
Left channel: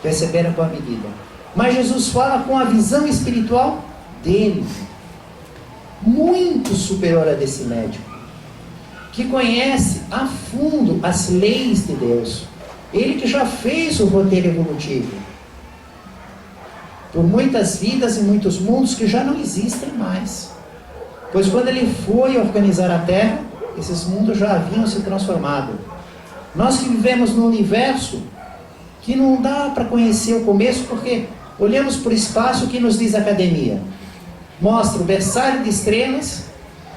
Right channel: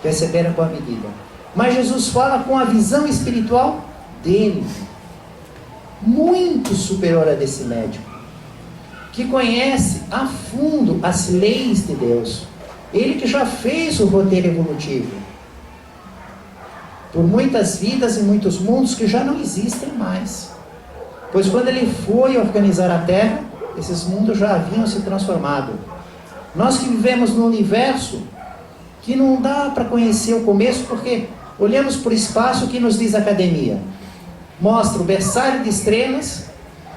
Receber a boa medida. Mas Jesus fala com a visão espiritual dele. Muito superior a desse médico. Que conhece a fundo as leis de Deus. Ele que já fez o roteiro evolutivo. Por muitas vidas e muitos mundos que já não existem mais. Pois quando ele foi organizar a Terra, esses mundos já haviam se transformado. Nós que vivemos no universo, que não dá para conhecer o começo, porque olhamos para o espaço, que nos diz a academia. Mostra o berçário de estrelas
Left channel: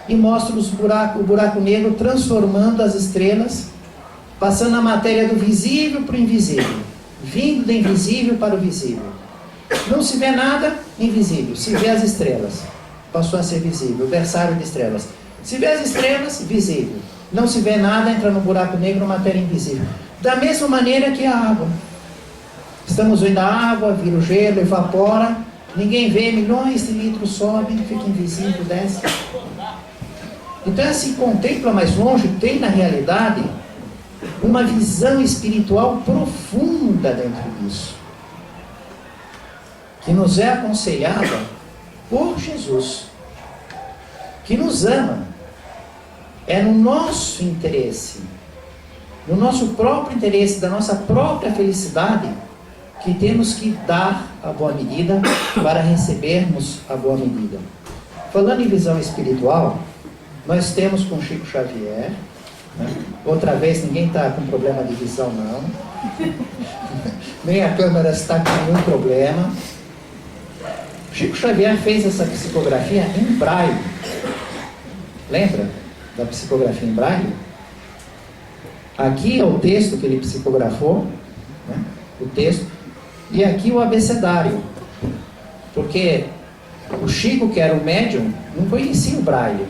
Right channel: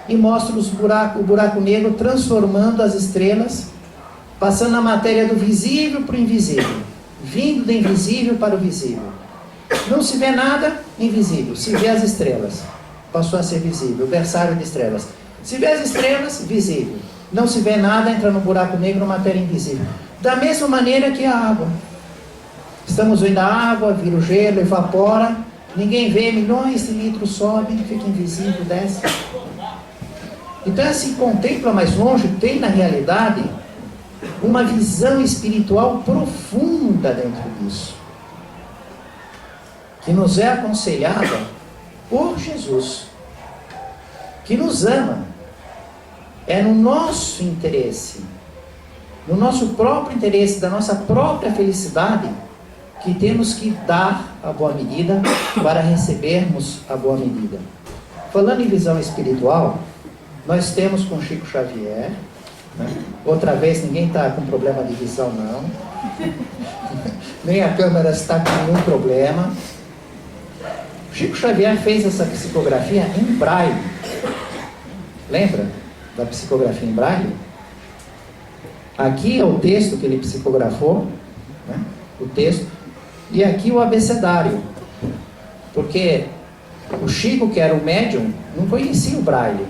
e mostra o buraco negro transformando as estrelas, passando a matéria do visível para o invisível, vindo do invisível para o visível. Não se vê nada, invisível. Se vê as estrelas, passou a ser visível, o berçário de estrelas. Se vê as estrelas, visível. Não se vê nada, entra no buraco negro, matéria invisível. Da mesma maneira que a água. Estamos vendo a água, vira o gelo, evapora, ninguém vê, milhões de litros sobem, fica invisível, desce. Então, se contempla mais longe, tem na realidade uma visão espiritual profunda dentro disso, que nos é aconselhada por Jesus, que nos ama. É no nosso interesse, no nosso próprio interesse, da nossa própria felicidade, que temos que dar a boa medida para recebermos a boa medida. Falando em visão espiritual, nós temos com Chico Xavier, né? Outra vez ninguém está com problema de visão não, nem a câmera está com nenhum problema. Chico Xavier fez essa psicografia em braille. Lembra da psicografia em braille? Aqui é o texto que ele psicografou, né? O texto, e aqui o abecedário, porque o Chico, que era o médium, não conhecia o braille.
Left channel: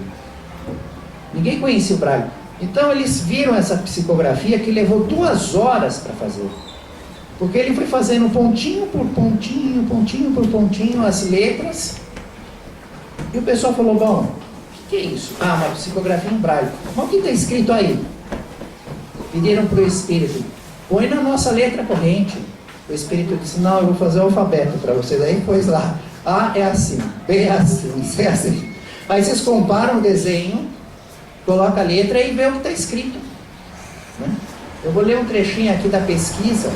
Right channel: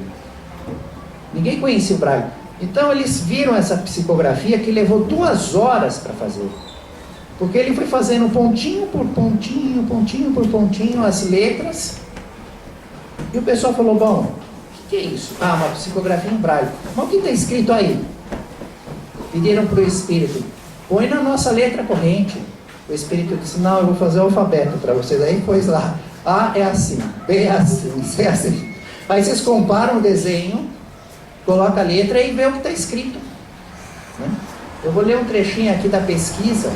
Ninguém conhecia o braille. Então eles viram essa psicografia que levou 2 horas para fazer. Porque ele foi fazendo pontinho por pontinho, pontinho por pontinho, as letras. E o pessoal falou, bom, o que é isso? Ah, uma psicografia em braille. Mas o que está escrito aí? Pediram para o Espírito, põe na nossa letra corrente. O Espírito disse, não, eu vou fazer o alfabeto para vocês. Aí pôs lá, A é assim, B é assim, C é assim. Aí vocês comparam o desenho, coloca a letra e vê o que está escrito. Né? Eu vou ler um trechinho aqui da pesquisa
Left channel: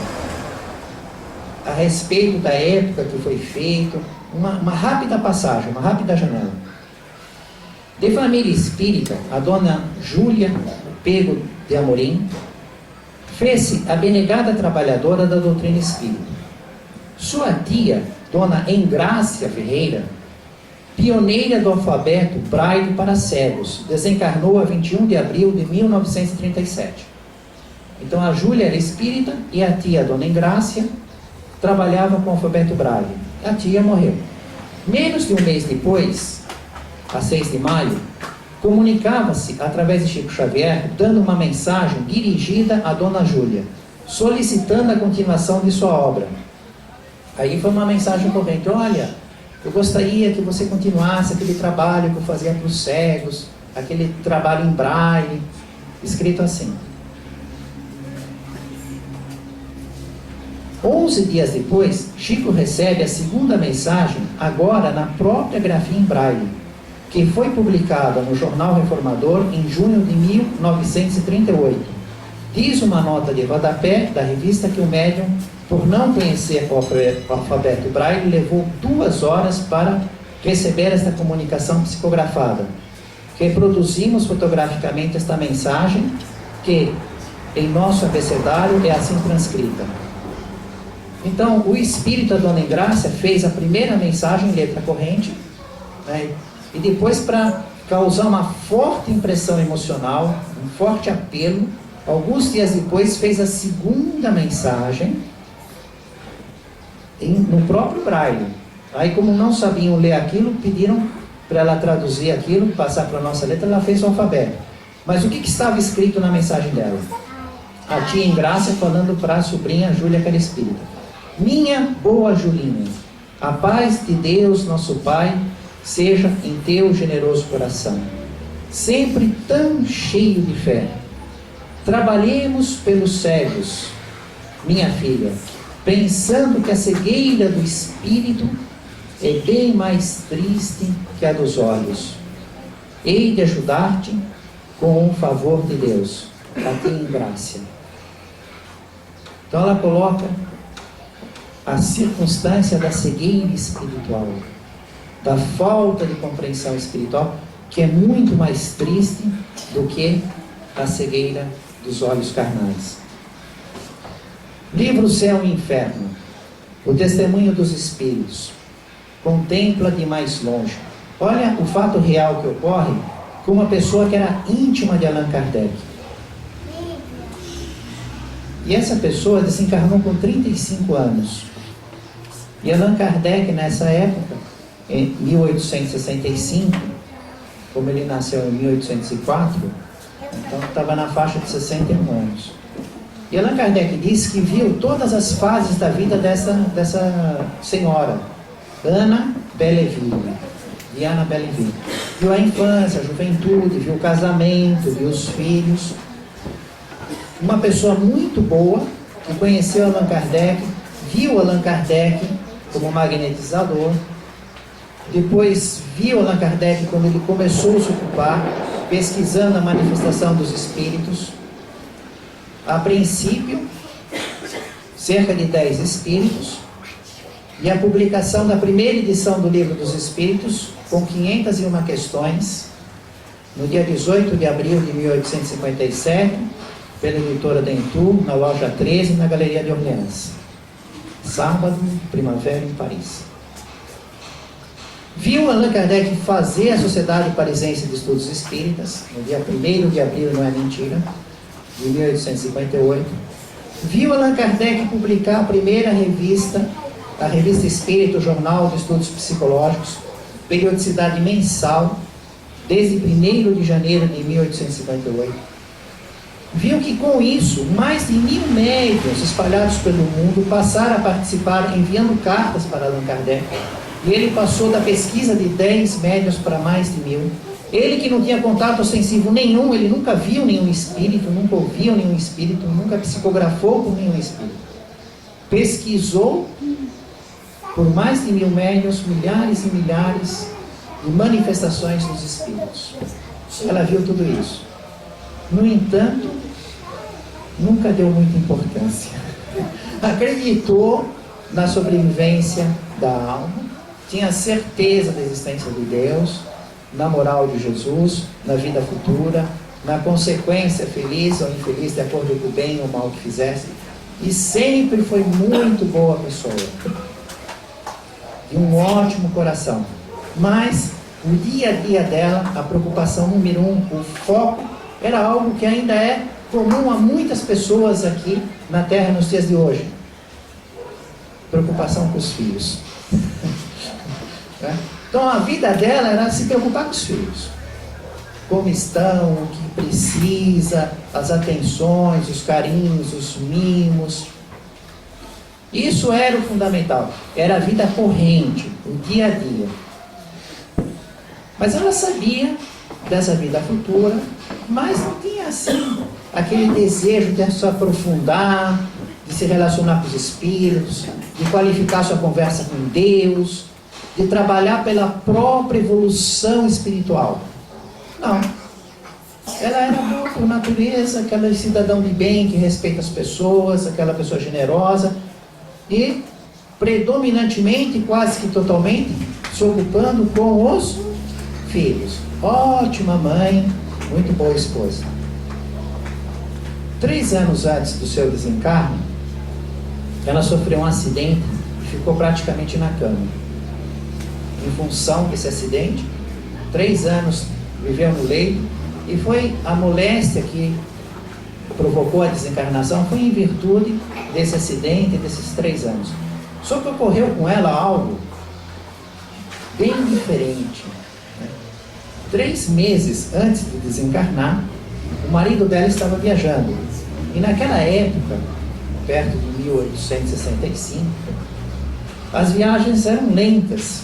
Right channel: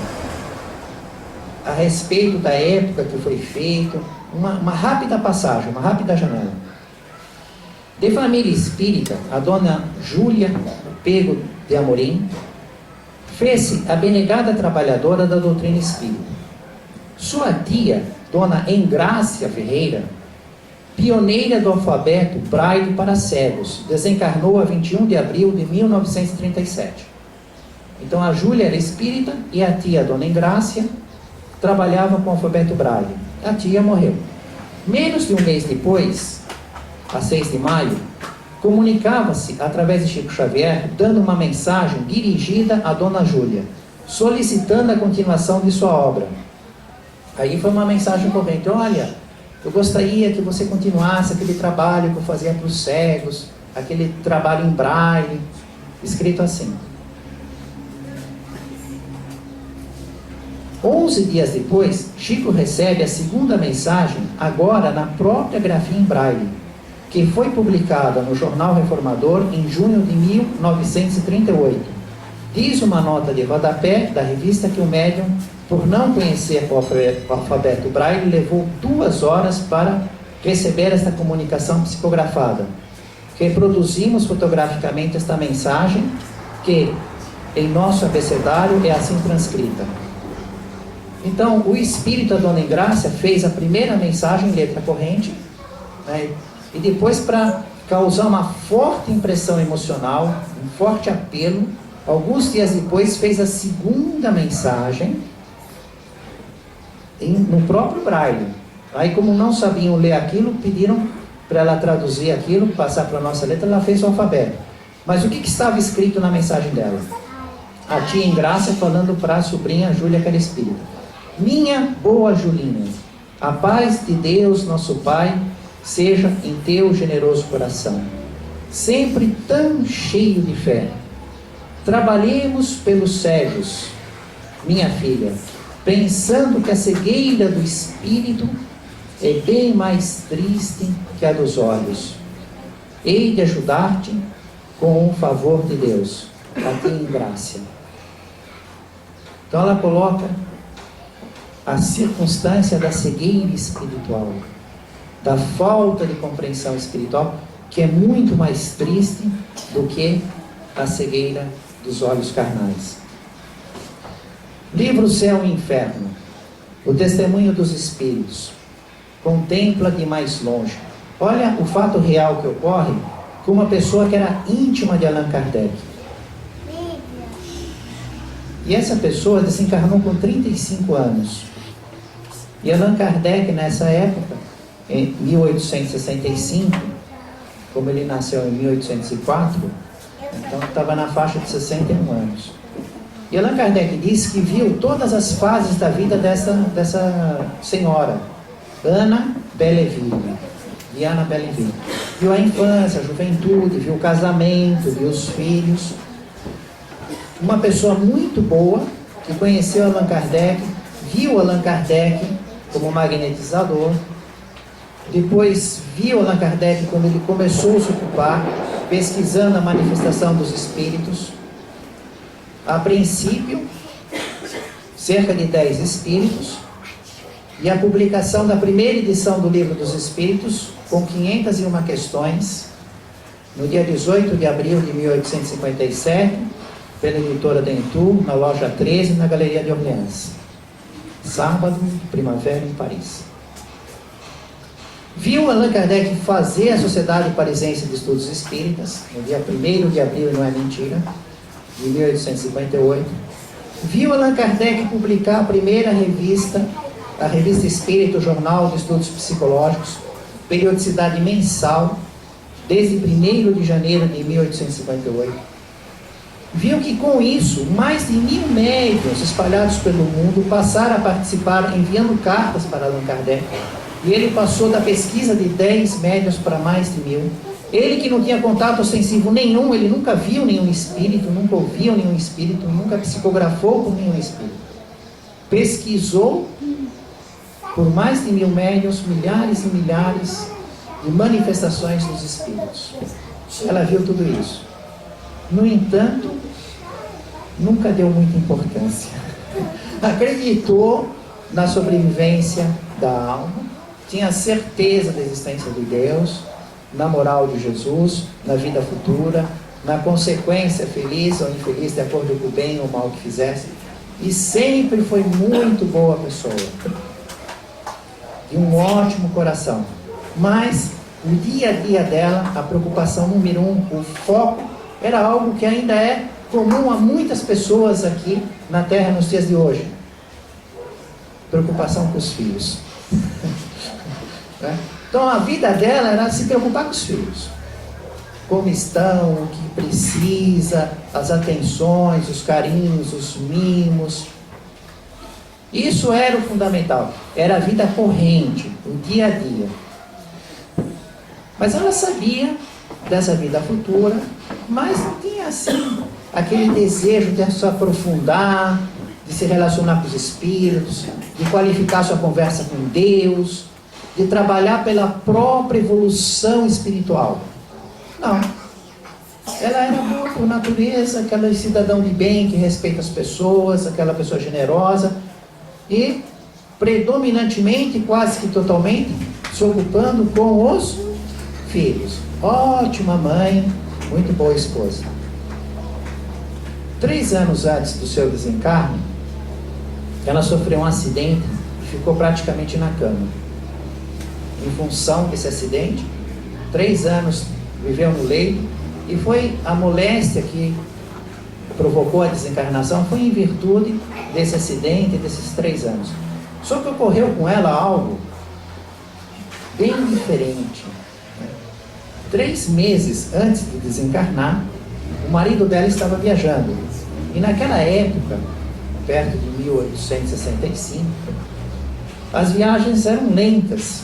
a respeito da época que foi feito, uma rápida passagem, uma rápida janela. De família espírita, a dona Júlia Pego de Amorim fez-se abnegada trabalhadora da doutrina espírita. Sua tia, dona Engrácia Ferreira, pioneira do alfabeto braille para cegos, desencarnou a 21 de abril de 1937. Então a Júlia era espírita e a tia, dona Engrácia, trabalhava com o alfabeto braille. A tia morreu. Menos de um mês depois, a 6 de maio, comunicava-se através de Chico Xavier, dando uma mensagem dirigida à dona Júlia, solicitando a continuação de sua obra. Aí foi uma mensagem corrente, olha, eu gostaria que você continuasse aquele trabalho que eu fazia para os cegos, aquele trabalho em braille, escrito assim. 11 dias depois, Chico recebe a segunda mensagem, agora na própria grafia em braille, que foi publicada no Jornal Reformador em junho de 1938. Diz uma nota de rodapé da revista que o médium, por não conhecer o alfabeto braille, levou 2 horas para receber esta comunicação psicografada. Reproduzimos fotograficamente esta mensagem, que em nosso abecedário é assim transcrita. Então, o espírito, a dona Engrácia, fez a primeira mensagem em letra corrente, né? E depois, para causar uma forte impressão emocional, um forte apelo, alguns dias depois fez a segunda mensagem no próprio braille. Aí, como não sabiam ler aquilo, pediram para ela traduzir aquilo, passar para a nossa letra, ela fez o alfabeto. Mas o que estava escrito na mensagem dela? A tia em graça falando para a sobrinha Júlia, que era espírita. Minha boa Julinha, a paz de Deus, nosso Pai, seja em teu generoso coração, sempre tão cheio de fé. Trabalhemos pelos cegos, minha filha, pensando que a cegueira do espírito é bem mais triste que a dos olhos. Hei de ajudar-te com o favor de Deus, a ti em graça. Então ela coloca a circunstância da cegueira espiritual, da falta de compreensão espiritual, que é muito mais triste do que a cegueira dos olhos carnais. Livro Céu e Inferno, o testemunho dos espíritos, contempla de mais longe. Olha o fato real que ocorre com uma pessoa que era íntima de Allan Kardec. E essa pessoa desencarnou com 35 anos. E Allan Kardec, nessa época, em 1865, como ele nasceu em 1804, então estava na faixa de 61 anos. E Allan Kardec disse que viu todas as fases da vida dessa senhora, Ana Belleville. Diana Belleville. Viu a infância, a juventude, viu o casamento, viu os filhos. Uma pessoa muito boa, que conheceu Allan Kardec, viu Allan Kardec como magnetizador. Depois viu Allan Kardec quando ele começou a se ocupar, pesquisando a manifestação dos espíritos. A princípio, cerca de 10 espíritos. E a publicação da primeira edição do Livro dos Espíritos, com 501 questões, no dia 18 de abril de 1857, pela editora Dentu, na loja 13, na Galeria de Orleans. Sábado, primavera, em Paris. Viu Allan Kardec fazer a Sociedade Parisense de Estudos Espíritas, no dia 1º de abril, não é mentira, de 1858. Viu Allan Kardec publicar a primeira revista, a Revista Espírita, o Jornal de Estudos Psicológicos, periodicidade mensal, desde 1º de janeiro de 1858. Viu que com isso, mais de 1000 médiuns espalhados pelo mundo passaram a participar enviando cartas para Allan Kardec. E ele passou da pesquisa de 10 médiuns para mais de 1000. Ele que não tinha contato ostensivo nenhum, ele nunca viu nenhum espírito, nunca ouviu nenhum espírito, nunca psicografou com nenhum espírito. Pesquisou por mais de 1000 médiuns, milhares e milhares de manifestações dos espíritos. Ela viu tudo isso. No entanto, nunca deu muita importância. Acreditou na sobrevivência da alma, tinha certeza da existência de Deus, na moral de Jesus, na vida futura, na consequência feliz ou infeliz, de acordo com o bem ou o mal que fizesse, e sempre foi muito boa pessoa, de um ótimo coração. Mas o dia a dia dela, a preocupação número 1, o foco, era algo que ainda é comum a muitas pessoas aqui na Terra nos dias de hoje. Preocupação com os filhos. Então a vida dela era se preocupar com os filhos. Como estão, o que precisa, as atenções, os carinhos, os mimos. Isso era o fundamental. Era a vida corrente, o dia a dia. Mas ela sabia dessa vida futura, mas não tinha assim aquele desejo de se aprofundar, de se relacionar com os espíritos, de qualificar sua conversa com Deus, de trabalhar pela própria evolução espiritual. Não. Ela era boa por natureza, aquela cidadão de bem que respeita as pessoas, aquela pessoa generosa e predominantemente, quase que totalmente, se ocupando com os filhos. Ótima mãe, muito boa esposa. 3 anos antes do seu desencarne, ela sofreu um acidente e ficou praticamente na cama. Em função desse acidente, 3 anos viveu no leito, e foi a moléstia que provocou a desencarnação, foi em virtude desse acidente, desses 3 anos. Só que ocorreu com ela algo bem diferente. 3 meses antes de desencarnar, o marido dela estava viajando. E naquela época, perto de 1865, as viagens eram lentas.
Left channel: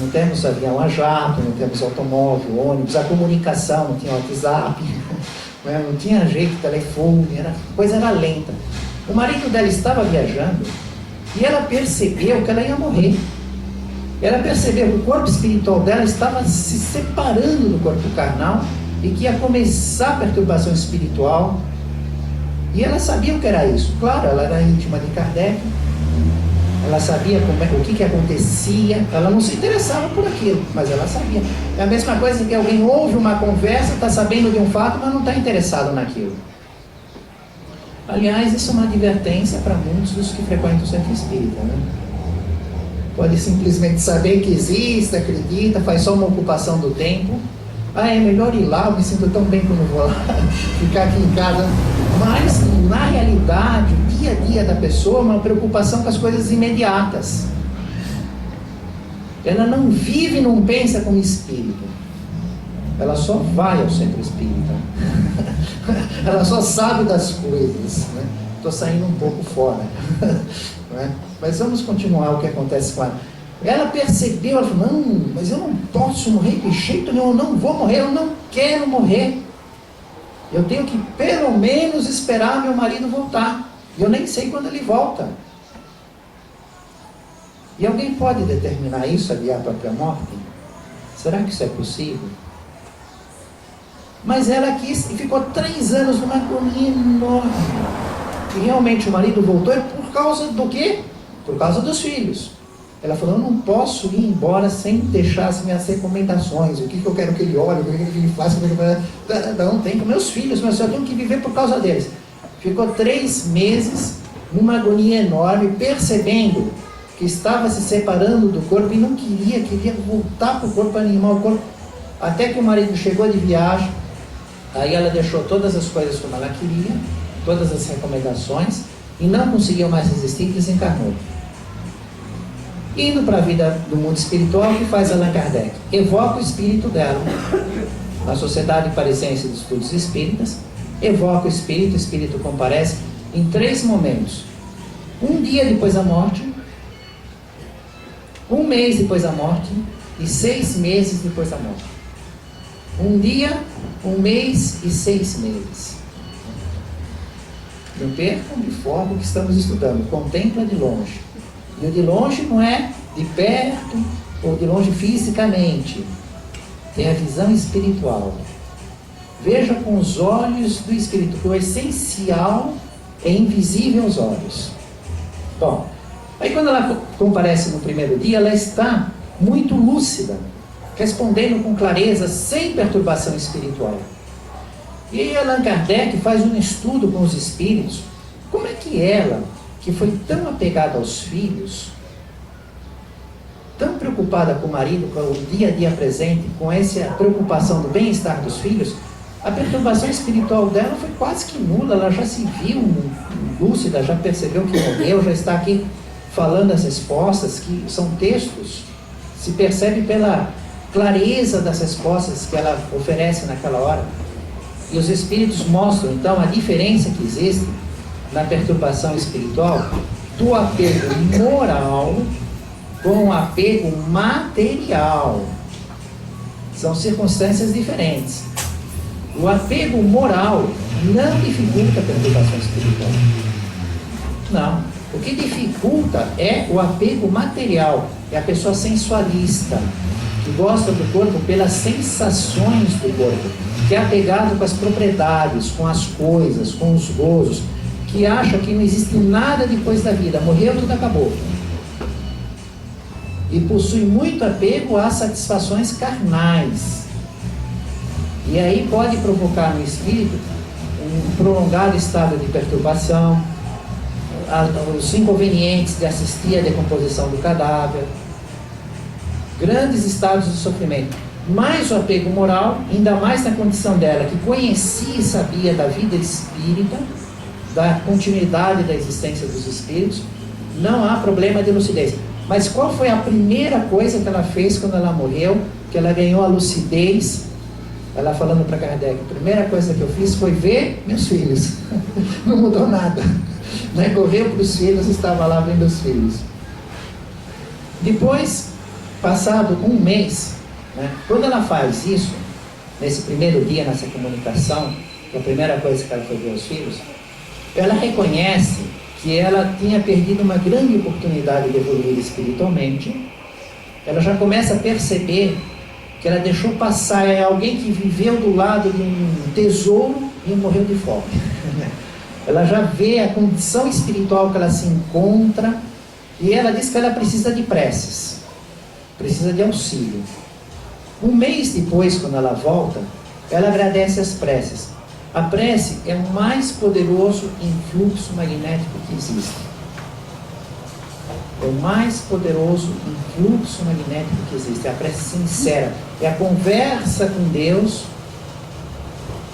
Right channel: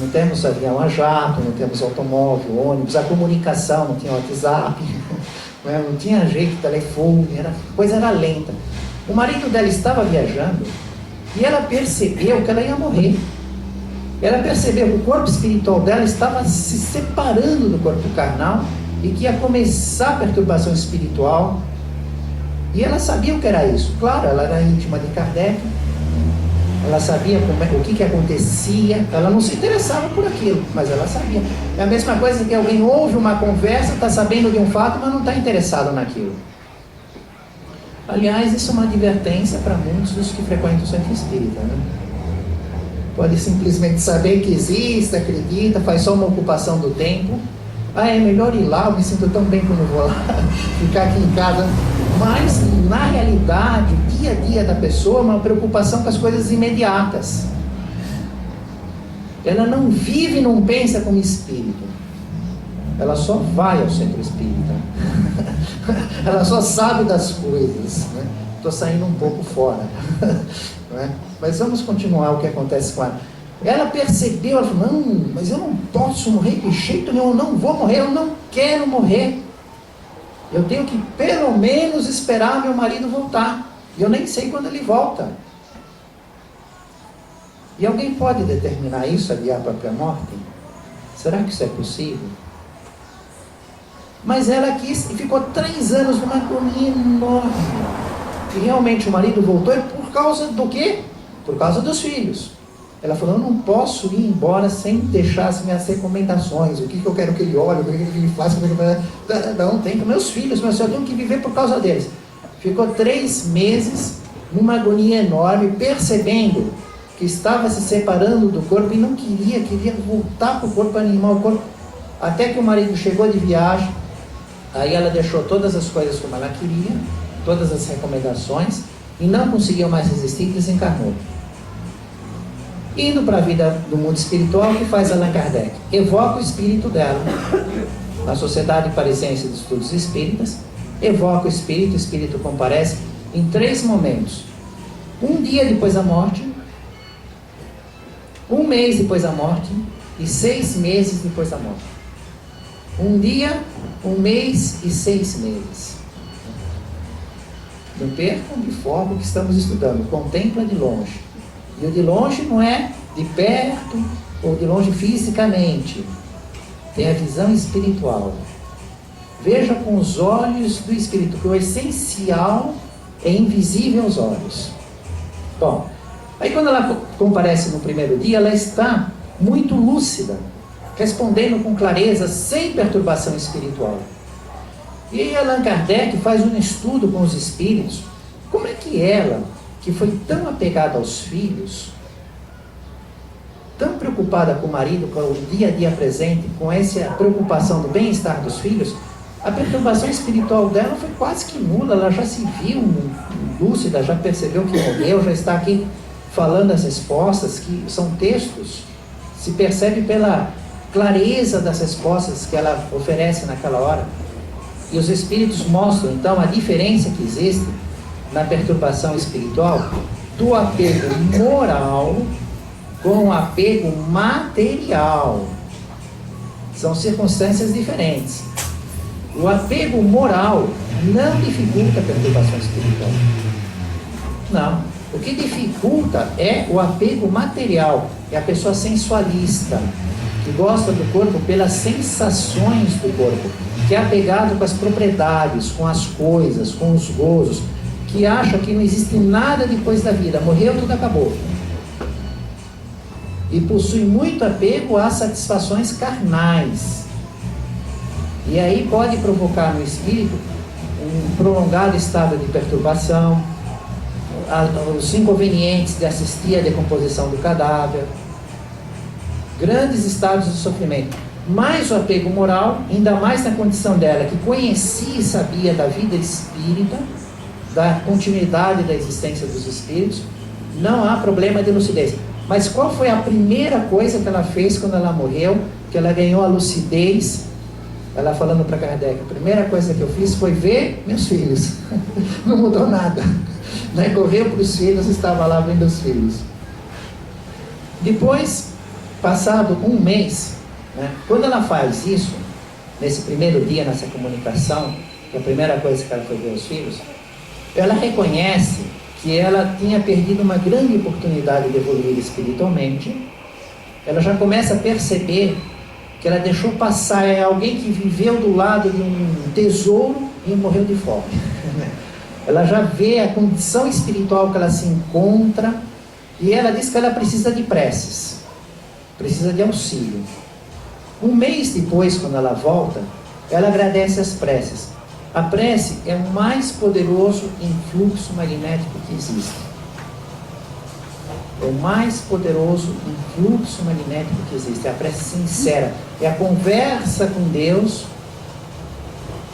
Não temos avião a jato, não temos automóvel, ônibus, a comunicação, não tinha WhatsApp, não tinha jeito de telefone, a coisa era lenta. O marido dela estava viajando e ela percebeu que ela ia morrer. Ela percebeu que o corpo espiritual dela estava se separando do corpo carnal e que ia começar a perturbação espiritual. E ela sabia o que era isso. Claro, ela era íntima de Kardec, ela sabia o que acontecia, ela não se interessava por aquilo, mas ela sabia. É a mesma coisa que alguém ouve uma conversa, está sabendo de um fato, mas não está interessado naquilo. Aliás, isso é uma advertência para muitos dos que frequentam o centro espírita, né? Pode simplesmente saber que existe, acredita, faz só uma ocupação do tempo. É melhor ir lá, eu me sinto tão bem quando vou lá, ficar aqui em casa. Mas, na realidade, o dia a dia da pessoa é uma preocupação com as coisas imediatas. Ela não vive, não pensa como espírito. Ela só vai ao centro espírita. Ela só sabe das coisas. Estou saindo um pouco fora. Não é? Mas vamos continuar o que acontece com ela. Ela percebeu, ela falou, não, mas eu não posso morrer de jeito nenhum, eu não vou morrer, eu não quero morrer. Eu tenho que pelo menos esperar meu marido voltar. E eu nem sei quando ele volta. E alguém pode determinar isso, adiar a própria morte? Será que isso é possível? Mas ela quis e ficou 3 anos numa agonia enorme. E realmente o marido voltou por causa do quê? Por causa dos filhos. Ela falou, eu não posso ir embora sem deixar as minhas recomendações, o que eu quero que ele olhe, o que ele faça, não, tem com meus filhos, mas eu tenho que viver por causa deles. Ficou 3 meses numa agonia enorme, percebendo que estava se separando do corpo e não queria voltar para o corpo animal, até que o marido chegou de viagem, aí ela deixou todas as coisas como ela queria, todas as recomendações, e não conseguiu mais resistir e desencarnou. Indo para a vida do mundo espiritual, o que faz Allan Kardec? Evoca o espírito dela na Sociedade Parisiense de Estudos Espíritas, evoca o espírito comparece em 3 momentos. 1 dia depois da morte, 1 mês depois da morte e 6 meses depois da morte. 1 dia, 1 mês e 6 meses. Não percam de forma o que estamos estudando, contempla de longe. E o de longe não é de perto ou de longe fisicamente. Tem a visão espiritual. Veja com os olhos do espírito, que o essencial é invisível aos olhos. Bom, aí quando ela comparece no primeiro dia, ela está muito lúcida, respondendo com clareza, sem perturbação espiritual. E Allan Kardec faz um estudo com os espíritos. Como é que ela, que foi tão apegada aos filhos, tão preocupada com o marido, com o dia a dia presente, com essa preocupação do bem-estar dos filhos, a perturbação espiritual dela foi quase que nula. Ela já se viu lúcida, já percebeu que morreu, já está aqui falando as respostas, que são textos, se percebe pela clareza das respostas que ela oferece naquela hora. E os espíritos mostram então a diferença que existe na perturbação espiritual do apego moral com o apego material. São circunstâncias diferentes. O apego moral não dificulta a perturbação espiritual. Não. O que dificulta é o apego material. É a pessoa sensualista, que gosta do corpo pelas sensações do corpo, que é apegado com as propriedades, com as coisas, com os gozos, que acha que não existe nada depois da vida, morreu, tudo acabou. E possui muito apego às satisfações carnais. E aí pode provocar no espírito um prolongado estado de perturbação, os inconvenientes de assistir à decomposição do cadáver, grandes estados de sofrimento. mais o apego moral, ainda mais na condição dela, que conhecia e sabia da vida espírita, da continuidade da existência dos espíritos, não há problema de lucidez. Mas qual foi a primeira coisa que ela fez quando ela morreu, que ela ganhou a lucidez? Ela falando para Kardec, a primeira coisa que eu fiz foi ver meus filhos. Não mudou nada. Né? Correu para os filhos, estava lá vendo os filhos. Depois, passado um mês, né, quando ela faz isso, nesse primeiro dia, nessa comunicação, que a primeira coisa que ela foi ver os filhos, ela reconhece que ela tinha perdido uma grande oportunidade de evoluir espiritualmente. Ela já começa a perceber que ela deixou passar alguém que viveu do lado de um tesouro e morreu de fome. Ela já vê a condição espiritual que ela se encontra, e ela diz que ela precisa de preces, precisa de auxílio. Um mês depois, quando ela volta, ela agradece as preces. A prece é o mais poderoso influxo magnético que existe. É o mais poderoso influxo magnético que existe. É a prece sincera. É a conversa com Deus,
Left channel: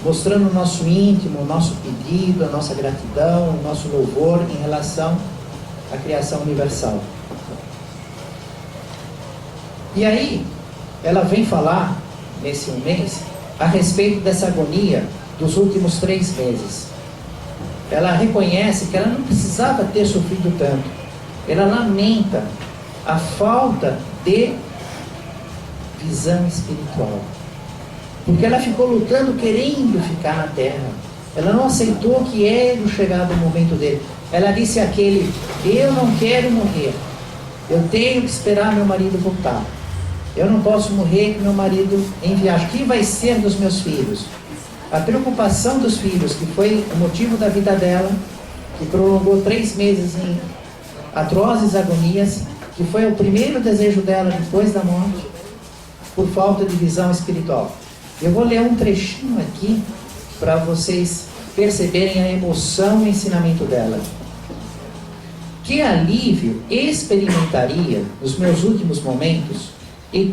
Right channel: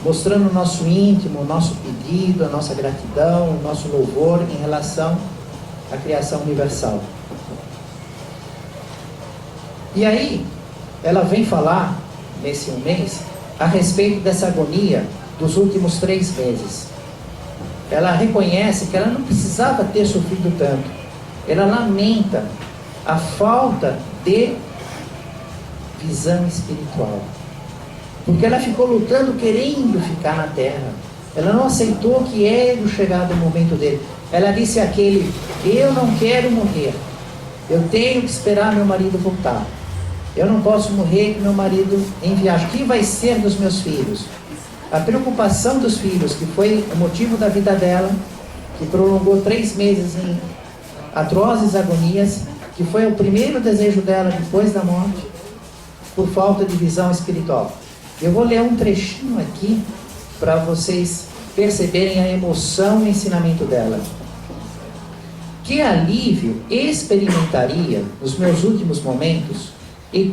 mostrando o nosso íntimo, o nosso pedido, a nossa gratidão, o nosso louvor em relação à criação universal. E aí, ela vem falar, nesse um mês, a respeito dessa agonia dos últimos 3 meses. Ela reconhece que ela não precisava ter sofrido tanto. Ela lamenta a falta de visão espiritual, porque ela ficou lutando, querendo ficar na terra. Ela não aceitou que era chegado o momento dele. Ela disse àquele: eu não quero morrer, eu tenho que esperar meu marido voltar. Eu não posso morrer com meu marido em viagem. O que vai ser dos meus filhos? A preocupação dos filhos, que foi o motivo da vida dela, que prolongou 3 meses em atrozes agonias, que foi o primeiro desejo dela depois da morte, por falta de visão espiritual. Eu vou ler um trechinho aqui para vocês perceberem a emoção e o ensinamento dela. Que alívio experimentaria nos meus últimos momentos, e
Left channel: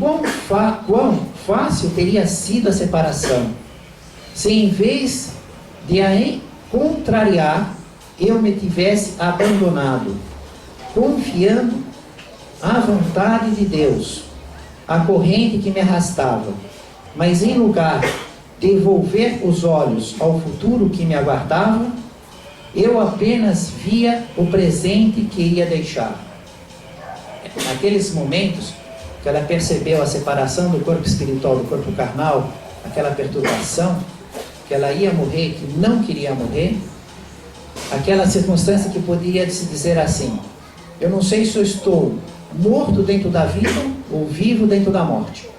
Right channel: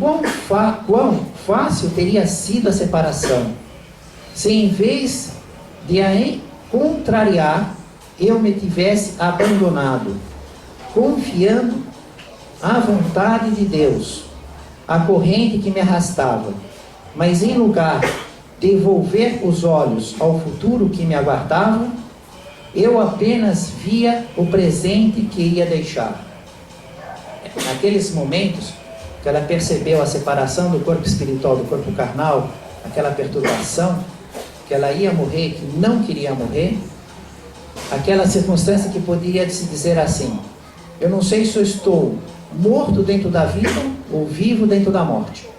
quão fácil teria sido a separação, se em vez de a contrariar, eu me tivesse abandonado, confiando à vontade de Deus, a corrente que me arrastava, mas em lugar de volver os olhos ao futuro que me aguardava, eu apenas via o presente que ia deixar. Naqueles momentos que ela percebeu a separação do corpo espiritual do corpo carnal, aquela perturbação, que ela ia morrer, que não queria morrer, aquela circunstância que poderia se dizer assim: eu não sei se eu estou morto dentro da vida ou vivo dentro da morte.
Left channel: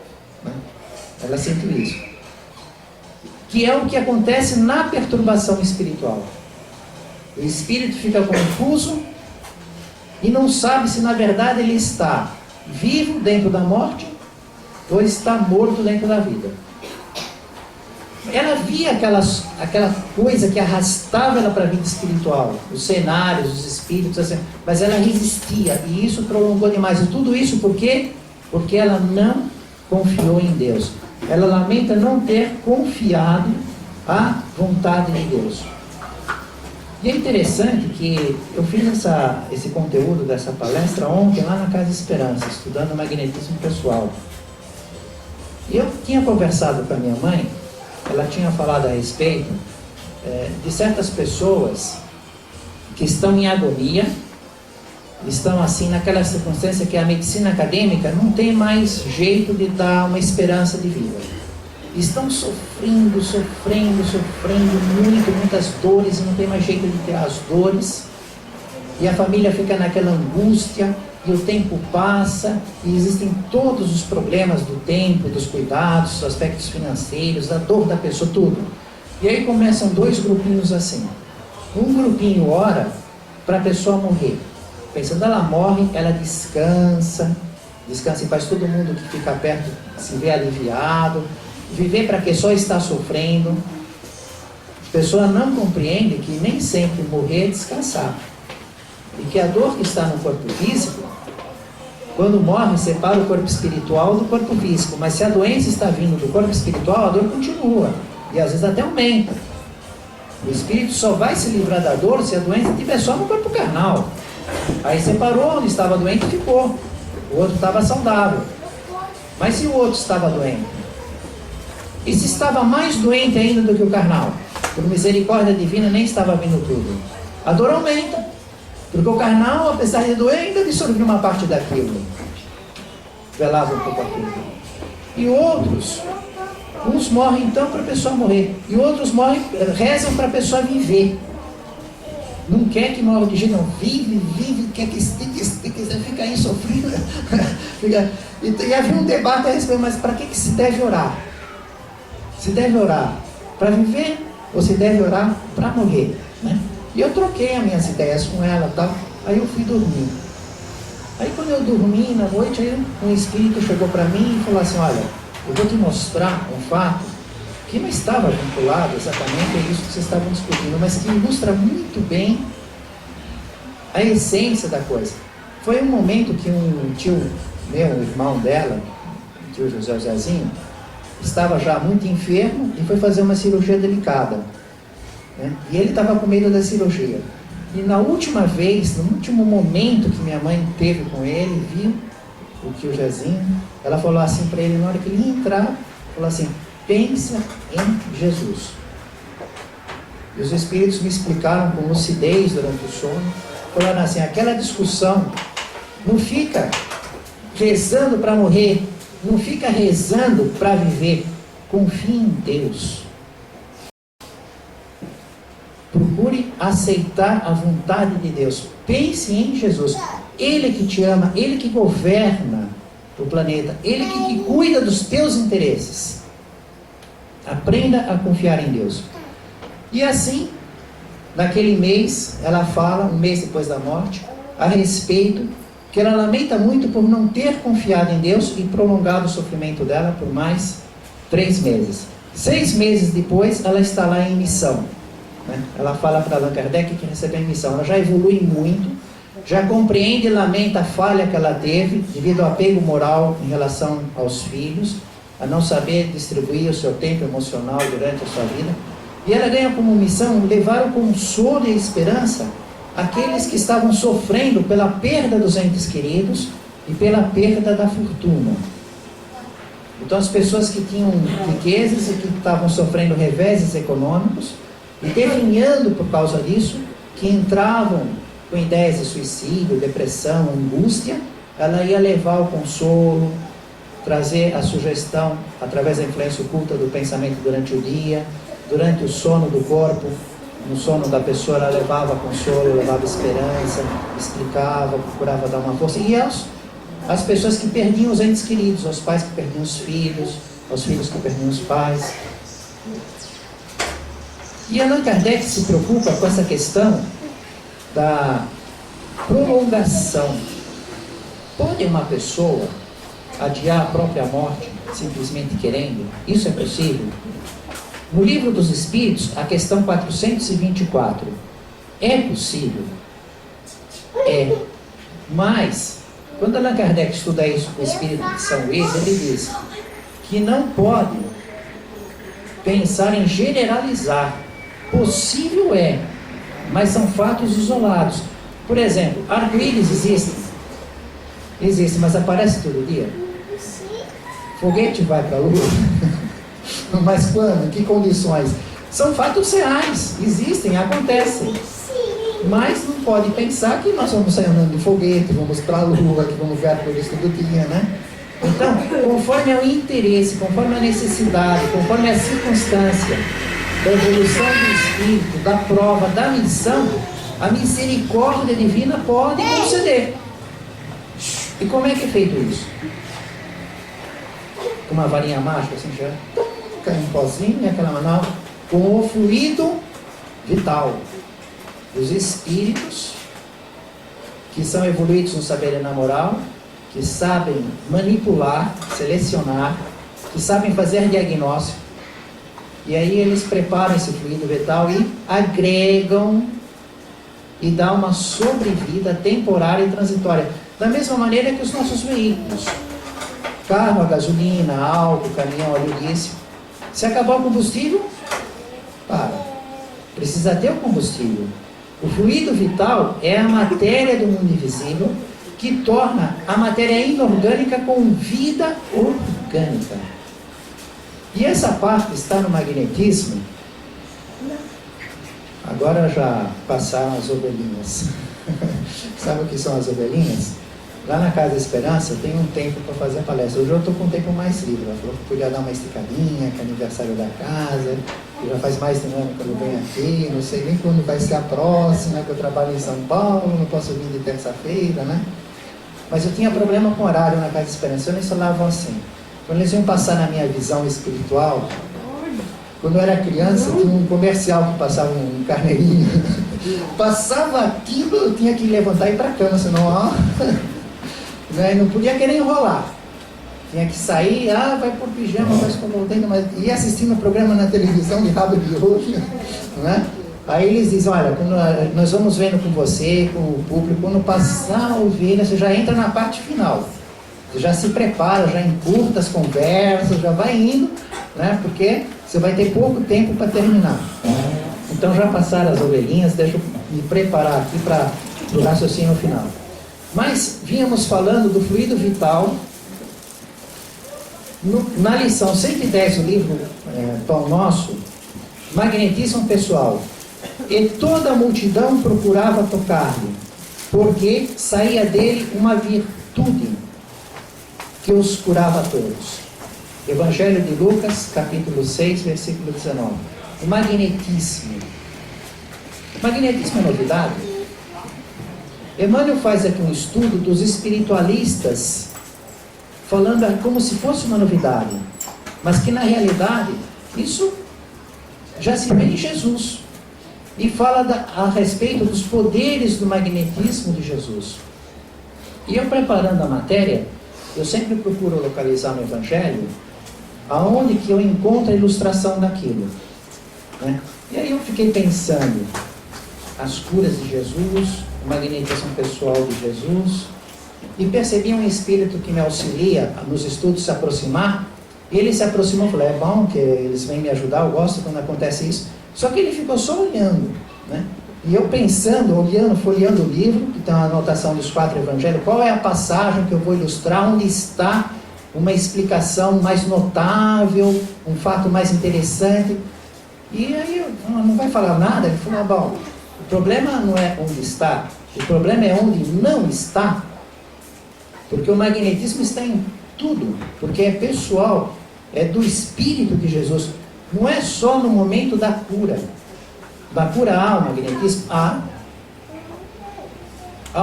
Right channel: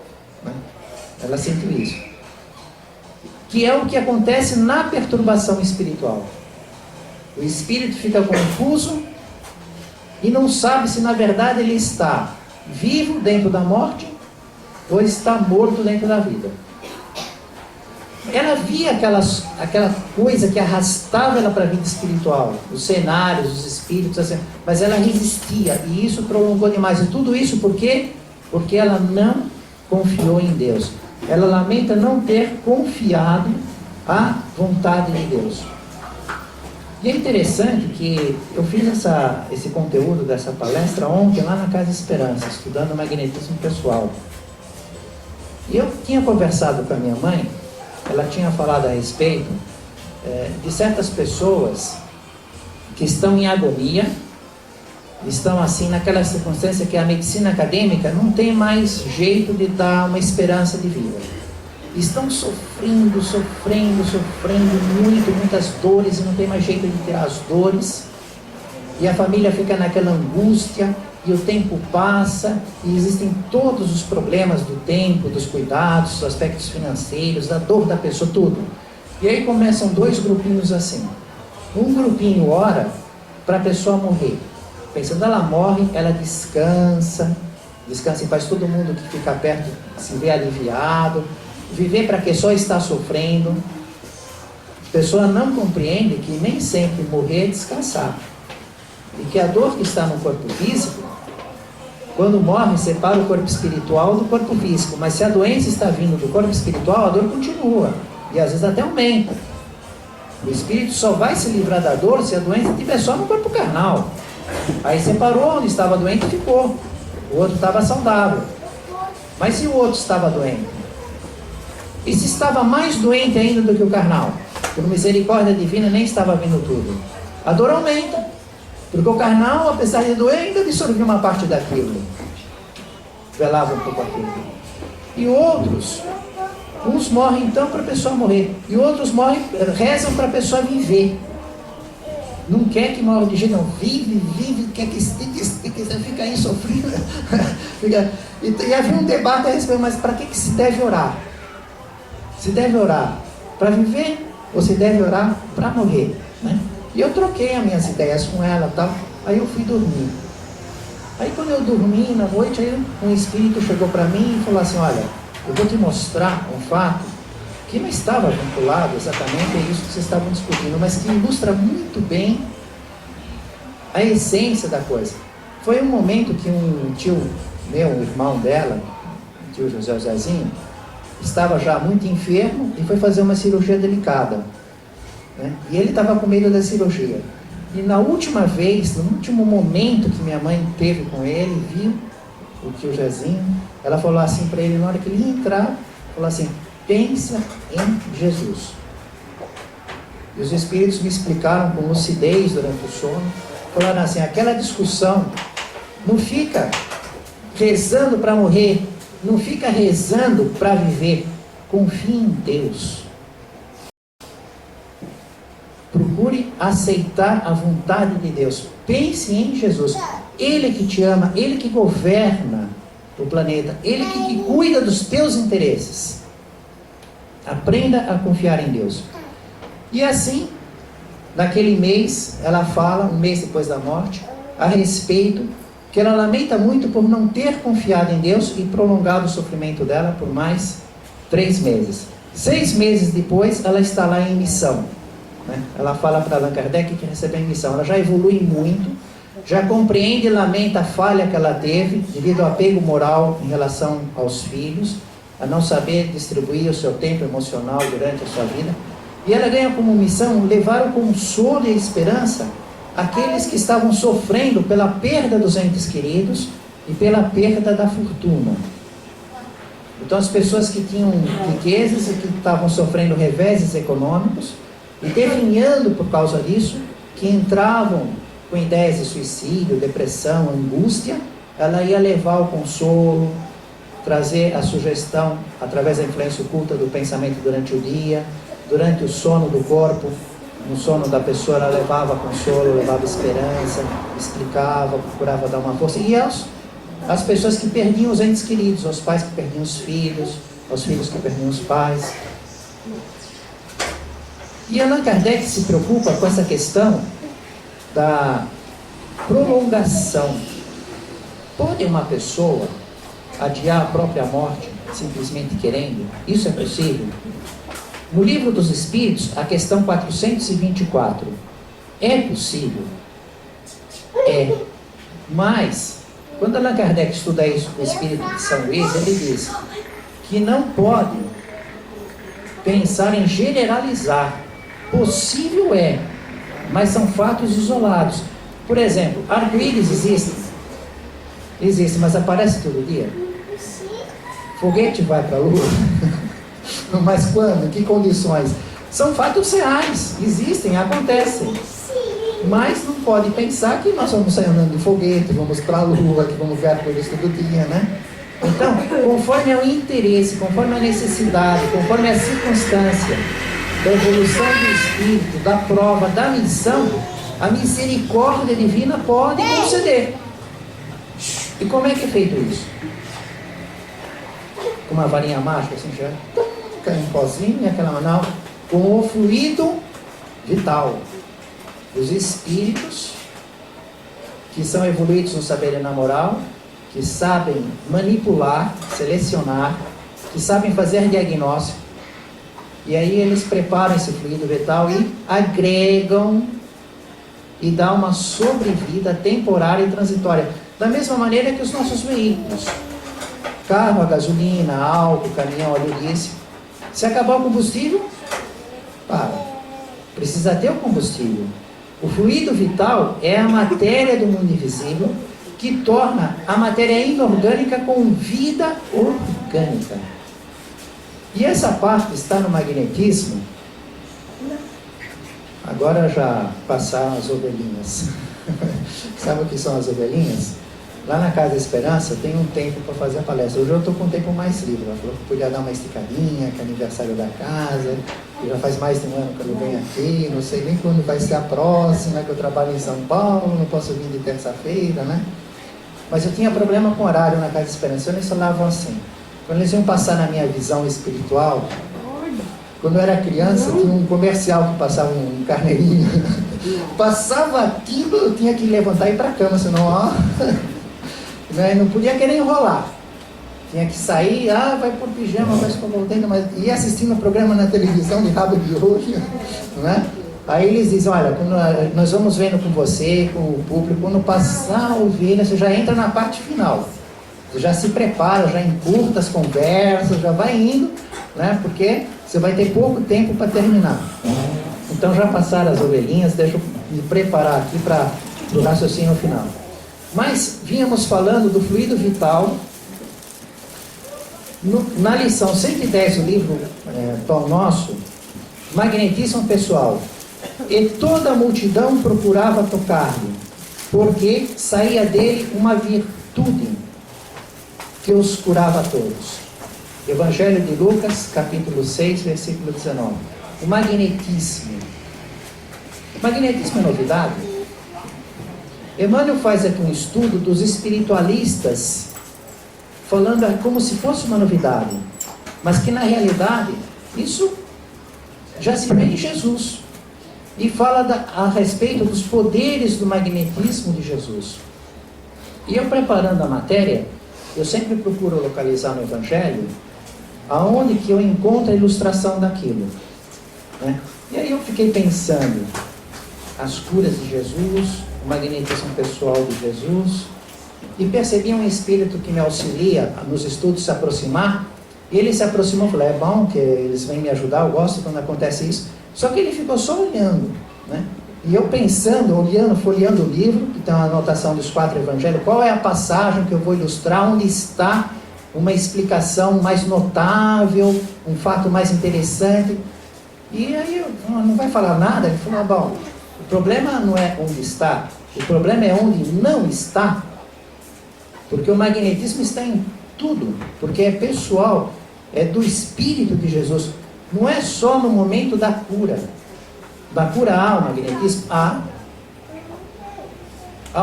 Ela sentiu isso. Que é o que acontece na perturbação espiritual. O espírito fica confuso e não sabe se na verdade ele está vivo dentro da morte ou está morto dentro da vida. Ela via aquela coisa que arrastava ela para a vida espiritual, os cenários, os espíritos, assim, mas ela resistia, e isso prolongou demais. E tudo isso por quê? Porque ela não confiou em Deus. Ela lamenta não ter confiado à vontade de Deus. E é interessante que eu fiz esse conteúdo dessa palestra ontem lá na Casa Esperança, estudando magnetismo pessoal. E eu tinha conversado com a minha mãe, ela tinha falado a respeito de certas pessoas que estão em agonia, estão assim naquela circunstância que a medicina acadêmica não tem mais jeito de dar uma esperança de vida. Estão sofrendo muito, muitas dores, e não tem mais jeito de tirar as dores, e a família fica naquela angústia, e o tempo passa, e existem todos os problemas do tempo, dos cuidados, dos aspectos financeiros, da dor da pessoa, tudo. E aí começam 2 grupinhos assim. Um grupinho ora para a pessoa morrer, pensando, ela morre, ela descansa em paz, todo mundo que fica perto se vê aliviado. Viver para que só está sofrendo. A pessoa não compreende que nem sempre morrer é descansar, e que a dor que está no corpo físico, Quando morre, separa o corpo espiritual do corpo físico. Mas se a doença está vindo do corpo espiritual, a dor continua. E às vezes até aumenta. O espírito só vai se livrar da dor se a doença estiver só no corpo carnal. Aí separou, onde estava doente ficou. O outro estava saudável. Mas se o outro estava doente? E se estava mais doente ainda do que o carnal? Por misericórdia divina nem estava vindo tudo. A dor aumenta. Porque o carnal, apesar de doer, ainda absorvia uma parte daquilo. Velava um pouco aquilo. E outros, uns morrem então para a pessoa morrer. E outros morrem, rezam para a pessoa viver. Não quer que morra de jeito, não. Vive, quer que fica aí sofrendo. E havia um debate a respeito, mas para que se deve orar? Se deve orar para viver ou se deve orar para morrer, né? E eu troquei as minhas ideias com ela e tal. Aí eu fui dormir. Aí quando eu dormi na noite, aí um espírito chegou para mim e falou assim: olha, eu vou te mostrar um fato que não estava vinculado exatamente a isso que vocês estavam discutindo, mas que ilustra muito bem a essência da coisa. Foi um momento que um tio meu, um irmão dela, o tio Josézinho, estava já muito enfermo e foi fazer uma cirurgia delicada, né? E ele estava com medo da cirurgia. E na última vez, no último momento que minha mãe teve com ele, viu o tio Jezinho, ela falou assim para ele, na hora que ele ia entrar, falou assim: pensa em Jesus. E os espíritos me explicaram com lucidez durante o sono, falaram assim: aquela discussão, não fica rezando para morrer, não fica rezando para viver, confie em Deus. Procure aceitar a vontade de Deus. Pense em Jesus. Ele que te ama, Ele que governa o planeta, Ele que cuida dos teus interesses. Aprenda a confiar em Deus. E assim, naquele mês, ela fala, um mês depois da morte, a respeito que ela lamenta muito por não ter confiado em Deus e prolongado o sofrimento dela por mais 3 meses. 6 meses depois, ela está lá em missão, né? Ela fala para Allan Kardec que recebeu em missão. Ela já evolui muito, já compreende e lamenta a falha que ela teve devido ao apego moral em relação aos filhos, a não saber distribuir o seu tempo emocional durante a sua vida. E ela ganha como missão levar o consolo e a esperança àqueles que estavam sofrendo pela perda dos entes queridos e pela perda da fortuna. Então as pessoas que tinham riquezas e que estavam sofrendo reveses econômicos e definhando por causa disso, que entravam com ideias de suicídio, depressão, angústia, ela ia levar o consolo, trazer a sugestão através da influência oculta do pensamento durante o dia, durante o sono do corpo. No sono da pessoa ela levava consolo, levava esperança, explicava, procurava dar uma força. E as pessoas que perdiam os entes queridos, aos pais que perdiam os filhos, aos filhos que perdiam os pais. E Allan Kardec se preocupa com essa questão da prolongação. Pode uma pessoa adiar a própria morte simplesmente querendo? Isso é possível? No Livro dos Espíritos, a questão 424. É possível? É. Mas, quando Allan Kardec estuda isso com o Espírito de São Luís, ele diz que não pode pensar em generalizar. Possível é, mas são fatos isolados. Por exemplo, arco-íris existem? Existem, mas aparece todo dia? Foguete vai para a Lua? Mas quando? Em que condições? São fatos reais, existem, acontecem. Mas não pode pensar que nós vamos sair andando de foguete, vamos para a Lua, que vamos ver arco-íris todo dia, né? Então, conforme o interesse, conforme a necessidade, conforme a circunstância da evolução do espírito, da prova, da missão, a misericórdia divina pode conceder. E como é que é feito isso? Com uma varinha mágica, assim, já cai um pozinho, aquela manal, com o fluido vital dos espíritos que são evoluídos no saber e na moral, que sabem manipular, selecionar, que sabem fazer diagnóstico. E aí eles preparam esse fluido vital e agregam e dão uma sobrevida temporária e transitória. Da mesma maneira que os nossos veículos. Carro a gasolina, álcool, caminhão, óleo diesel. Se acabar o combustível, para. Precisa ter o combustível. O fluido vital é a matéria do mundo invisível que torna a matéria inorgânica com vida orgânica. E essa parte está no magnetismo. Agora já passaram as ovelhinhas. Sabe o que são as ovelhinhas? Lá na Casa da Esperança tem um tempo para fazer a palestra. Hoje eu estou com um tempo mais livre. Ela falou que podia dar uma esticadinha, que é aniversário da casa, que já faz mais de um ano que eu não venho aqui, não sei nem quando vai ser a próxima, que eu trabalho em São Paulo, não posso vir de terça-feira, né? Mas eu tinha problema com horário na Casa da Esperança. Eles falavam assim, quando eles iam passar na minha visão espiritual, quando eu era criança, tinha um comercial que passava um carneirinho. Passava aquilo, eu tinha que levantar e ir para a cama, senão, ó, não podia querer enrolar. Tinha que sair, vai por pijama, vai escovando, mas ia assistindo o programa na televisão de rabo de olho, né? Aí eles dizem, olha, quando nós vamos vendo com você, com o público, quando passar a ovelha, você já entra na parte final. Você já se prepara, já encurta as conversas, já vai indo, né? Porque você vai ter pouco tempo para terminar. Então já passaram as ovelhinhas, deixa eu me preparar aqui para o raciocínio final. Mas vínhamos falando do fluido vital. Na lição 110 do livro Pão Nosso, magnetismo pessoal. E toda a multidão procurava tocar-lhe, porque saía dele uma virtude que os curava a todos. Evangelho de Lucas, capítulo 6, versículo 19. O magnetismo. O magnetismo é novidade? Emmanuel faz aqui um estudo dos espiritualistas, falando como se fosse uma novidade, mas que na realidade, isso já se vê em Jesus. E fala a respeito dos poderes do magnetismo de Jesus. E eu preparando a matéria, eu sempre procuro localizar no Evangelho aonde que eu encontro a ilustração daquilo, né? E aí eu fiquei pensando, as curas de Jesus, o magnetismo pessoal de Jesus, e percebi um espírito que me auxilia nos estudos se aproximar. E ele se aproximou e falou, é bom que eles vêm me ajudar, eu gosto quando acontece isso. Só que ele ficou só olhando, né? E eu pensando, olhando, folheando o livro, que tem uma anotação dos 4 evangelhos, qual é a passagem que eu vou ilustrar, onde está uma explicação mais notável, um fato mais interessante. E aí, não vai falar nada? Ele falou, bom, o problema não é onde está, o problema é onde não está, porque o magnetismo está em tudo, porque é pessoal, é do Espírito de Jesus, não é só no momento da cura há o magnetismo, há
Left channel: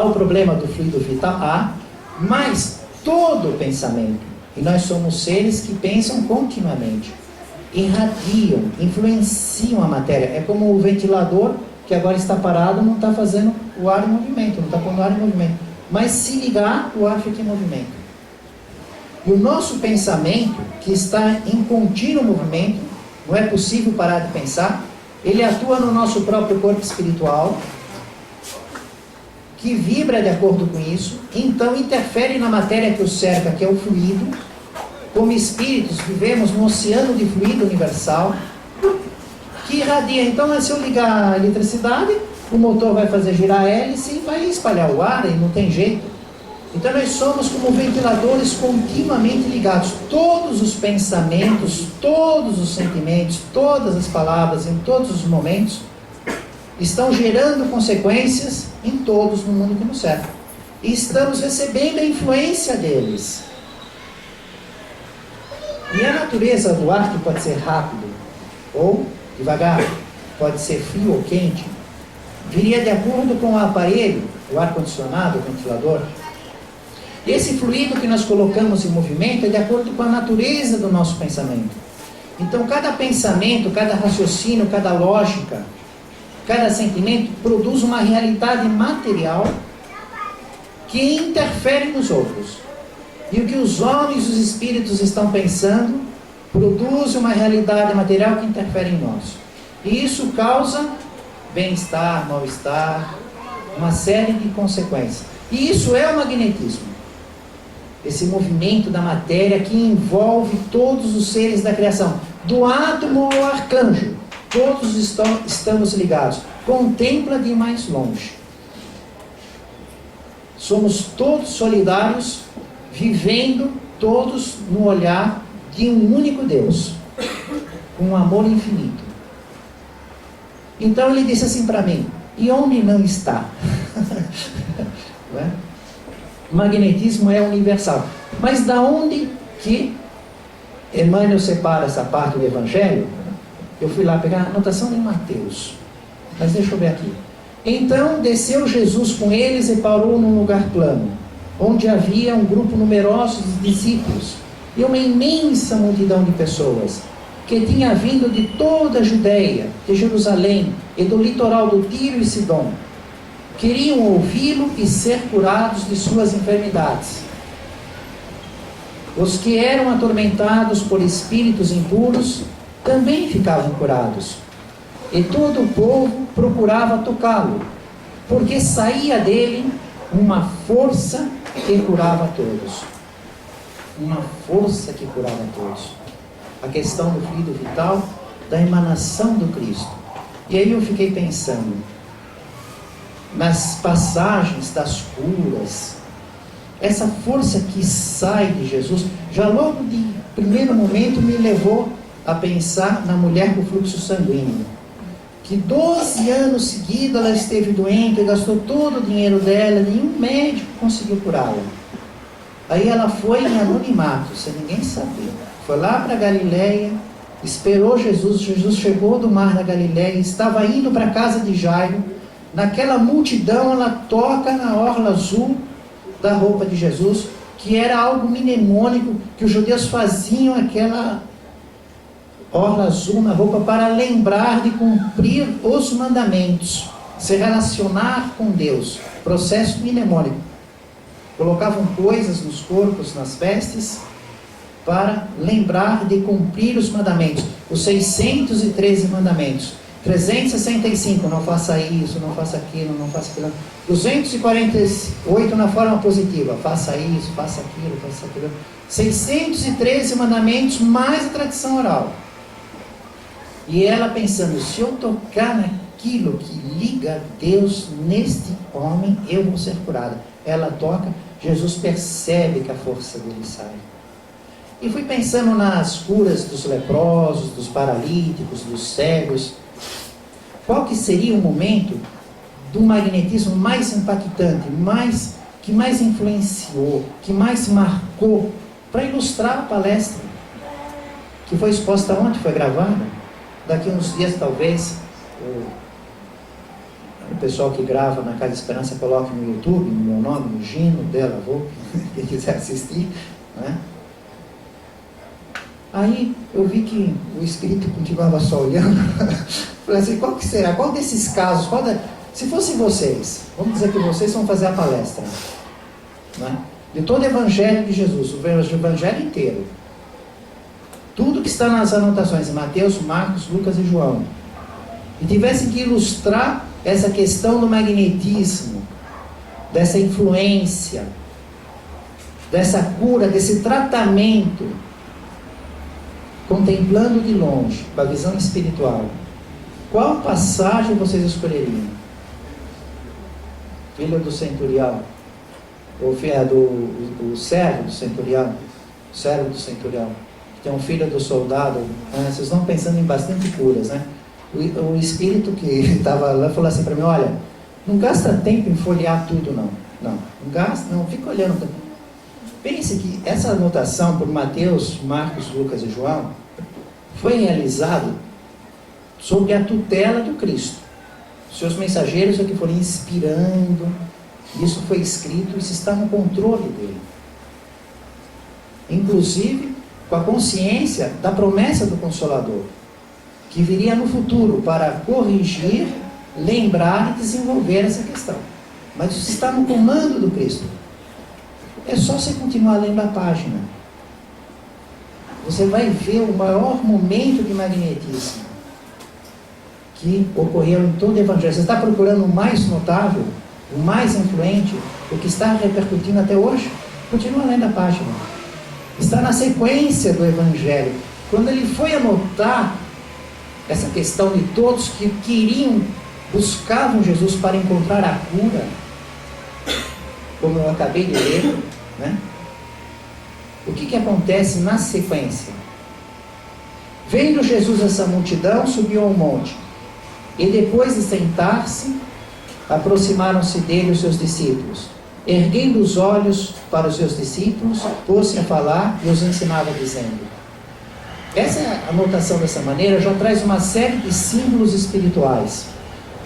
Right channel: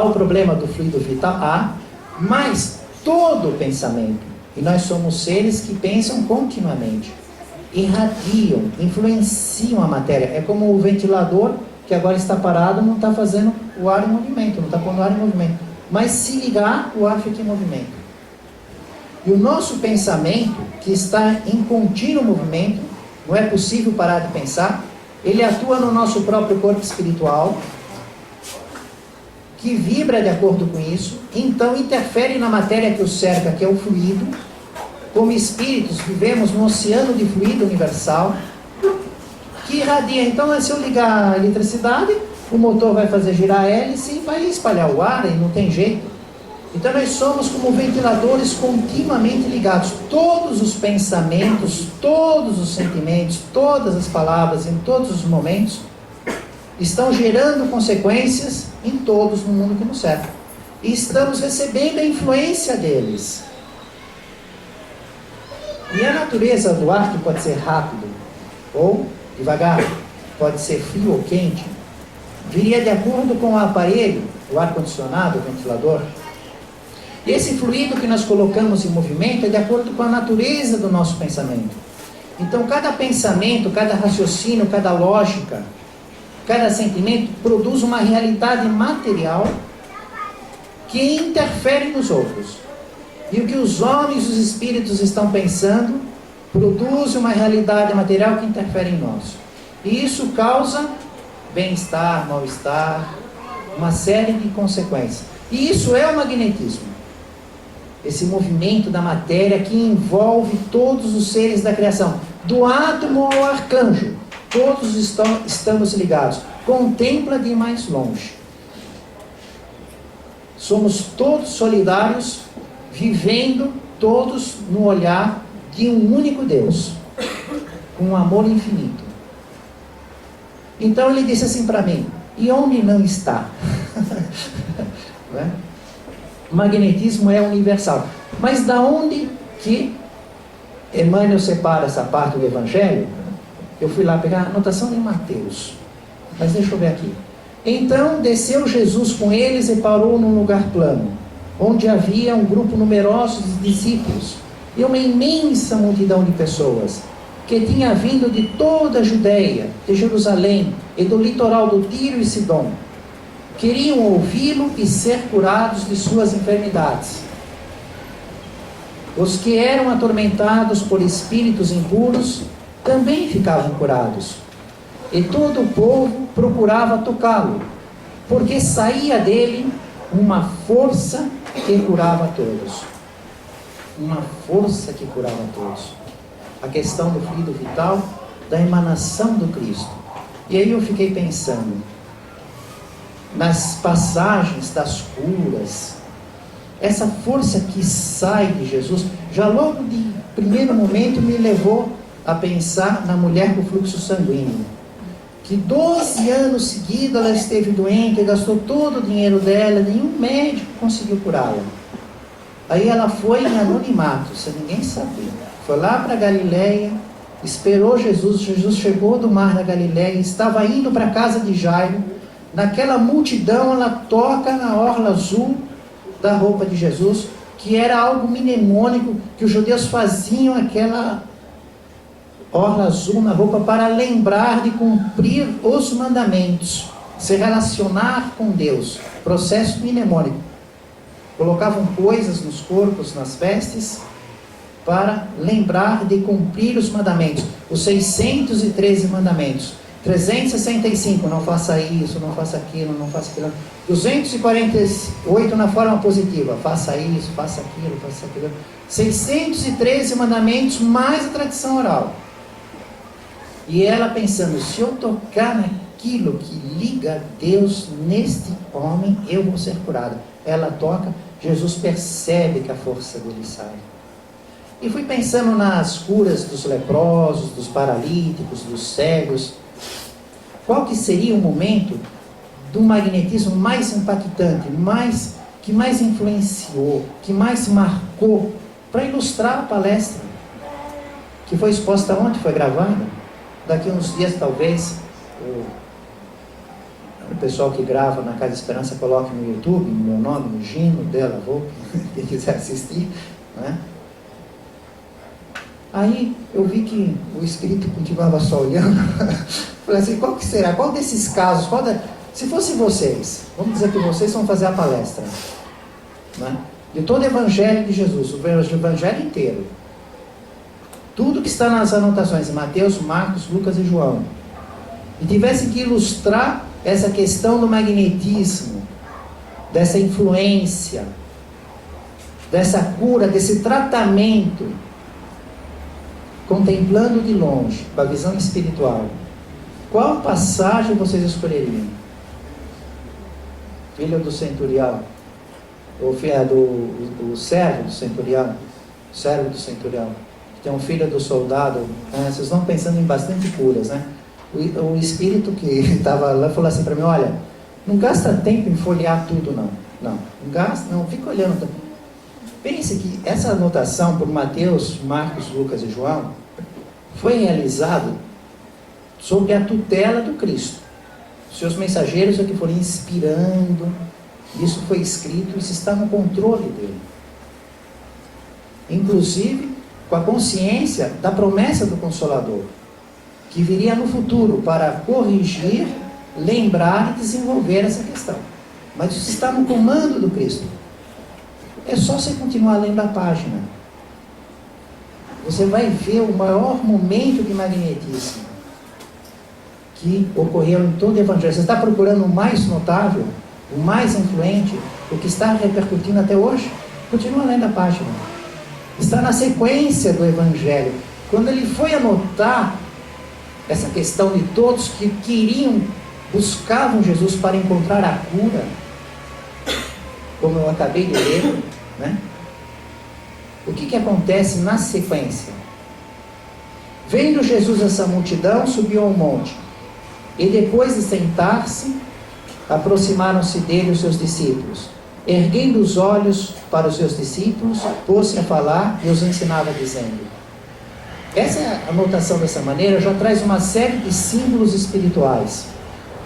o problema do fluido vital, há, mas todo o pensamento, e nós somos seres que pensam continuamente, irradiam, influenciam a matéria. É como o ventilador que agora está parado, não está fazendo o ar em movimento, não está pondo o ar em movimento, mas se ligar, o ar fica em movimento. E o nosso pensamento, que está em contínuo movimento, não é possível parar de pensar, ele atua no nosso próprio corpo espiritual, que vibra de acordo com isso, então interfere na matéria que o cerca, que é o fluido. Como espíritos, vivemos num oceano de fluido universal, que irradia. Então, se eu ligar a eletricidade, o motor vai fazer girar a hélice e vai espalhar o ar, e não tem jeito. Então nós somos como ventiladores continuamente ligados. Todos os pensamentos, todos os sentimentos, todas as palavras, em todos os momentos, estão gerando consequências em todos no mundo que nos cerca. E estamos recebendo a influência deles. E a natureza do ar, que pode ser rápido ou devagar, pode ser frio ou quente, viria de acordo com o aparelho, o ar-condicionado, o ventilador. E esse fluido que nós colocamos em movimento é de acordo com a natureza do nosso pensamento. Então, cada pensamento, cada raciocínio, cada lógica, cada sentimento produz uma realidade material que interfere nos outros. E o que os homens e os espíritos estão pensando produz uma realidade material que interfere em nós. E isso causa bem-estar, mal-estar, uma série de consequências. E isso é o magnetismo. Esse movimento da matéria que envolve todos os seres da criação, do átomo ao arcanjo, todos estamos ligados. Contempla de mais longe. Somos todos solidários, vivendo todos no olhar de um único Deus, com um amor infinito. Então ele disse assim para mim: e onde não está? Não é? O magnetismo é universal. Mas da onde que Emmanuel separa essa parte do Evangelho? Eu fui lá pegar a anotação de Mateus. Mas deixa eu ver aqui. Então desceu Jesus com eles e parou num lugar plano, onde havia um grupo numeroso de discípulos e uma imensa multidão de pessoas, que tinha vindo de toda a Judéia, de Jerusalém e do litoral do Tiro e Sidom. Queriam ouvi-lo e ser curados de suas enfermidades. Os que eram atormentados por espíritos impuros também ficavam curados. E todo o povo procurava tocá-lo, porque saía dele uma força que curava todos. Uma força que curava todos. A questão do fluido vital, da emanação do Cristo. E aí eu fiquei pensando nas passagens das curas, essa força que sai de Jesus, já logo de primeiro momento me levou a pensar na mulher com fluxo sanguíneo, que 12 anos seguidos ela esteve doente, gastou todo o dinheiro dela, nenhum médico conseguiu curá-la. Aí ela foi em anonimato, sem ninguém saber, foi lá para Galileia, esperou Jesus. Jesus chegou do mar da Galileia, estava indo para a casa de Jairo. Naquela multidão ela toca na orla azul da roupa de Jesus, que era algo mnemônico, que os judeus faziam aquela orla azul na roupa para lembrar de cumprir os mandamentos, se relacionar com Deus, processo mnemônico. Colocavam coisas nos corpos, nas vestes, para lembrar de cumprir os mandamentos, os 613 mandamentos. 365, não faça isso, não faça aquilo, não faça aquilo. 248 na forma positiva, faça isso, faça aquilo, faça aquilo. 613 mandamentos mais a tradição oral. E ela pensando, se eu tocar naquilo que liga a Deus neste homem, eu vou ser curada. Ela toca, Jesus percebe que a força dele sai. E fui pensando nas curas dos leprosos, dos paralíticos, dos cegos. Qual que seria o momento do magnetismo mais impactante, que mais influenciou, que mais marcou, para ilustrar a palestra, que foi exposta ontem, foi gravada. Daqui a uns dias, talvez, o pessoal que grava na Casa Esperança coloque no YouTube, no meu nome, no Gino, dela, vou, quem quiser assistir, né? Aí eu vi que o espírito continuava só olhando. Falei assim, qual que será? Qual desses casos? Se fosse vocês, vamos dizer que vocês vão fazer a palestra, né? De todo o Evangelho de Jesus, o Evangelho inteiro, tudo que está nas anotações, em Mateus, Marcos, Lucas e João, e tivesse que ilustrar essa questão do magnetismo, dessa influência, dessa cura, desse tratamento, contemplando de longe, com a visão espiritual, qual passagem vocês escolheriam? Filho do centurião, ou do servo do centurião, servo do centurião, que tem um filho do soldado, né? Vocês estão pensando em bastante curas, né? O espírito que estava lá falou assim para mim, olha, não gasta tempo em folhear tudo não gasta, não, fica olhando. Pense que essa anotação por Mateus, Marcos, Lucas e João foi realizado sob a tutela do Cristo. Seus mensageiros é que foram inspirando, isso foi escrito, isso está no controle dele. Inclusive com a consciência da promessa do Consolador, que viria no futuro para corrigir, lembrar e desenvolver essa questão. Mas isso está no comando do Cristo. É só você continuar lendo a página. Você vai ver o maior momento de magnetismo que ocorreu em todo o Evangelho. Você está procurando o mais notável? o mais influente, o que está repercutindo até hoje. Continua lendo a página. Está na sequência do Evangelho. Quando ele foi anotar essa questão de todos que buscavam Jesus para encontrar a cura, como eu acabei de ler, né? O que acontece na sequência? Vendo Jesus essa multidão, subiu ao monte, e depois de sentar-se, aproximaram-se dele os seus discípulos. Erguendo os olhos para os seus discípulos, pôs-se a falar e os ensinava, dizendo... Essa anotação dessa maneira já traz uma série de símbolos espirituais.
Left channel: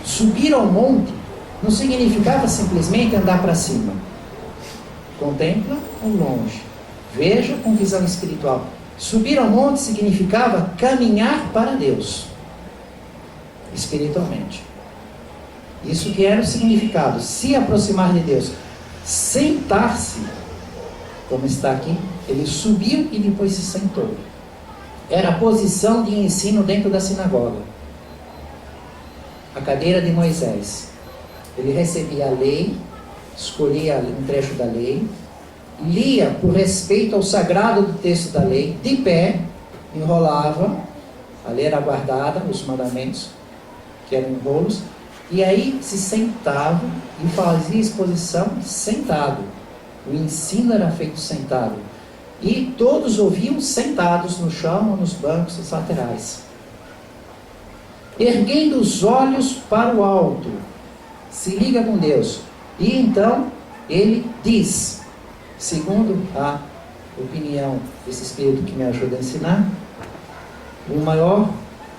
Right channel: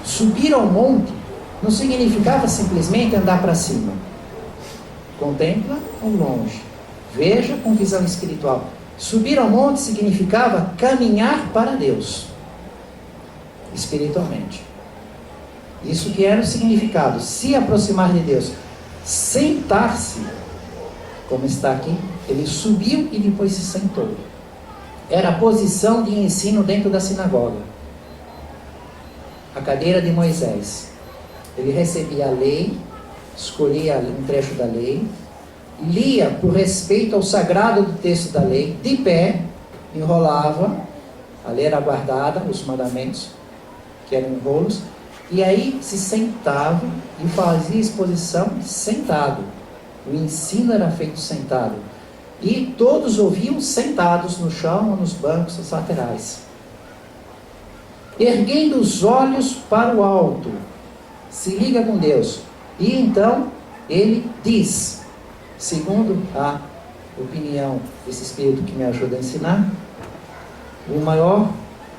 Subir ao monte não significava simplesmente andar para cima. Contempla ao longe. Veja com visão espiritual. Subir ao monte significava caminhar para Deus, espiritualmente. Isso que era o significado. Se aproximar de Deus. Sentar-se, como está aqui, ele subiu e depois se sentou. Era a posição de ensino dentro da sinagoga. A cadeira de Moisés. Ele recebia a lei, escolhia um trecho da lei, lia por respeito ao sagrado do texto da lei, de pé, enrolava, a lei era guardada, os mandamentos, que eram enrolos, e aí se sentava e fazia exposição sentado. O ensino era feito sentado. E todos ouviam sentados no chão ou nos bancos dos laterais. Erguendo os olhos para o alto, se liga com Deus. E então ele diz, segundo a opinião desse espírito que me ajuda a ensinar, o maior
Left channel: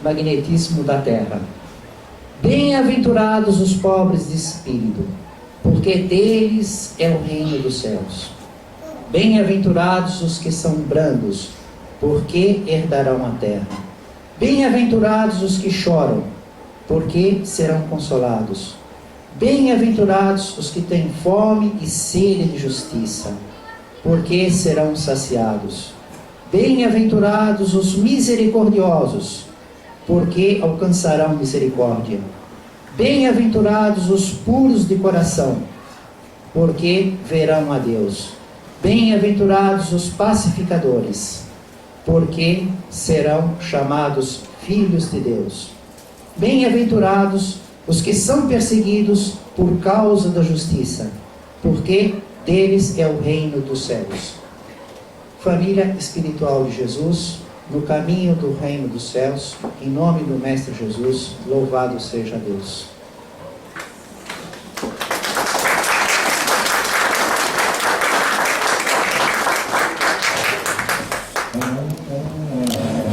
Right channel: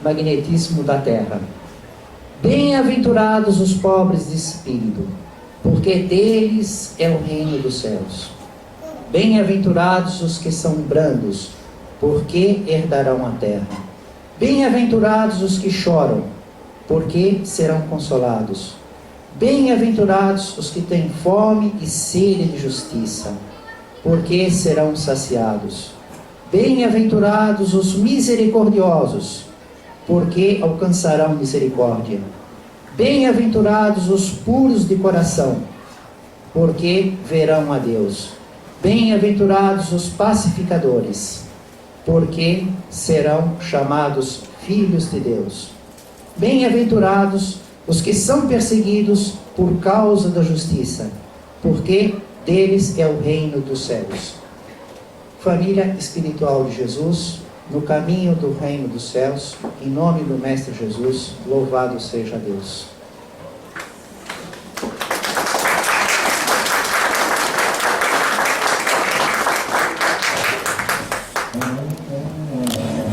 magnetismo da terra. Bem-aventurados os pobres de espírito, porque deles é o reino dos céus. Bem-aventurados os que são brandos, porque herdarão a terra. Bem-aventurados os que choram, porque serão consolados. Bem-aventurados os que têm fome e sede de justiça, porque serão saciados. Bem-aventurados os misericordiosos, porque alcançarão misericórdia. Bem-aventurados os puros de coração, porque verão a Deus. Bem-aventurados os pacificadores, porque serão chamados filhos de Deus. Bem-aventurados os que são perseguidos por causa da justiça, porque deles é o reino dos céus. Família espiritual de Jesus, no caminho do reino dos céus, em nome do Mestre Jesus, louvado seja Deus.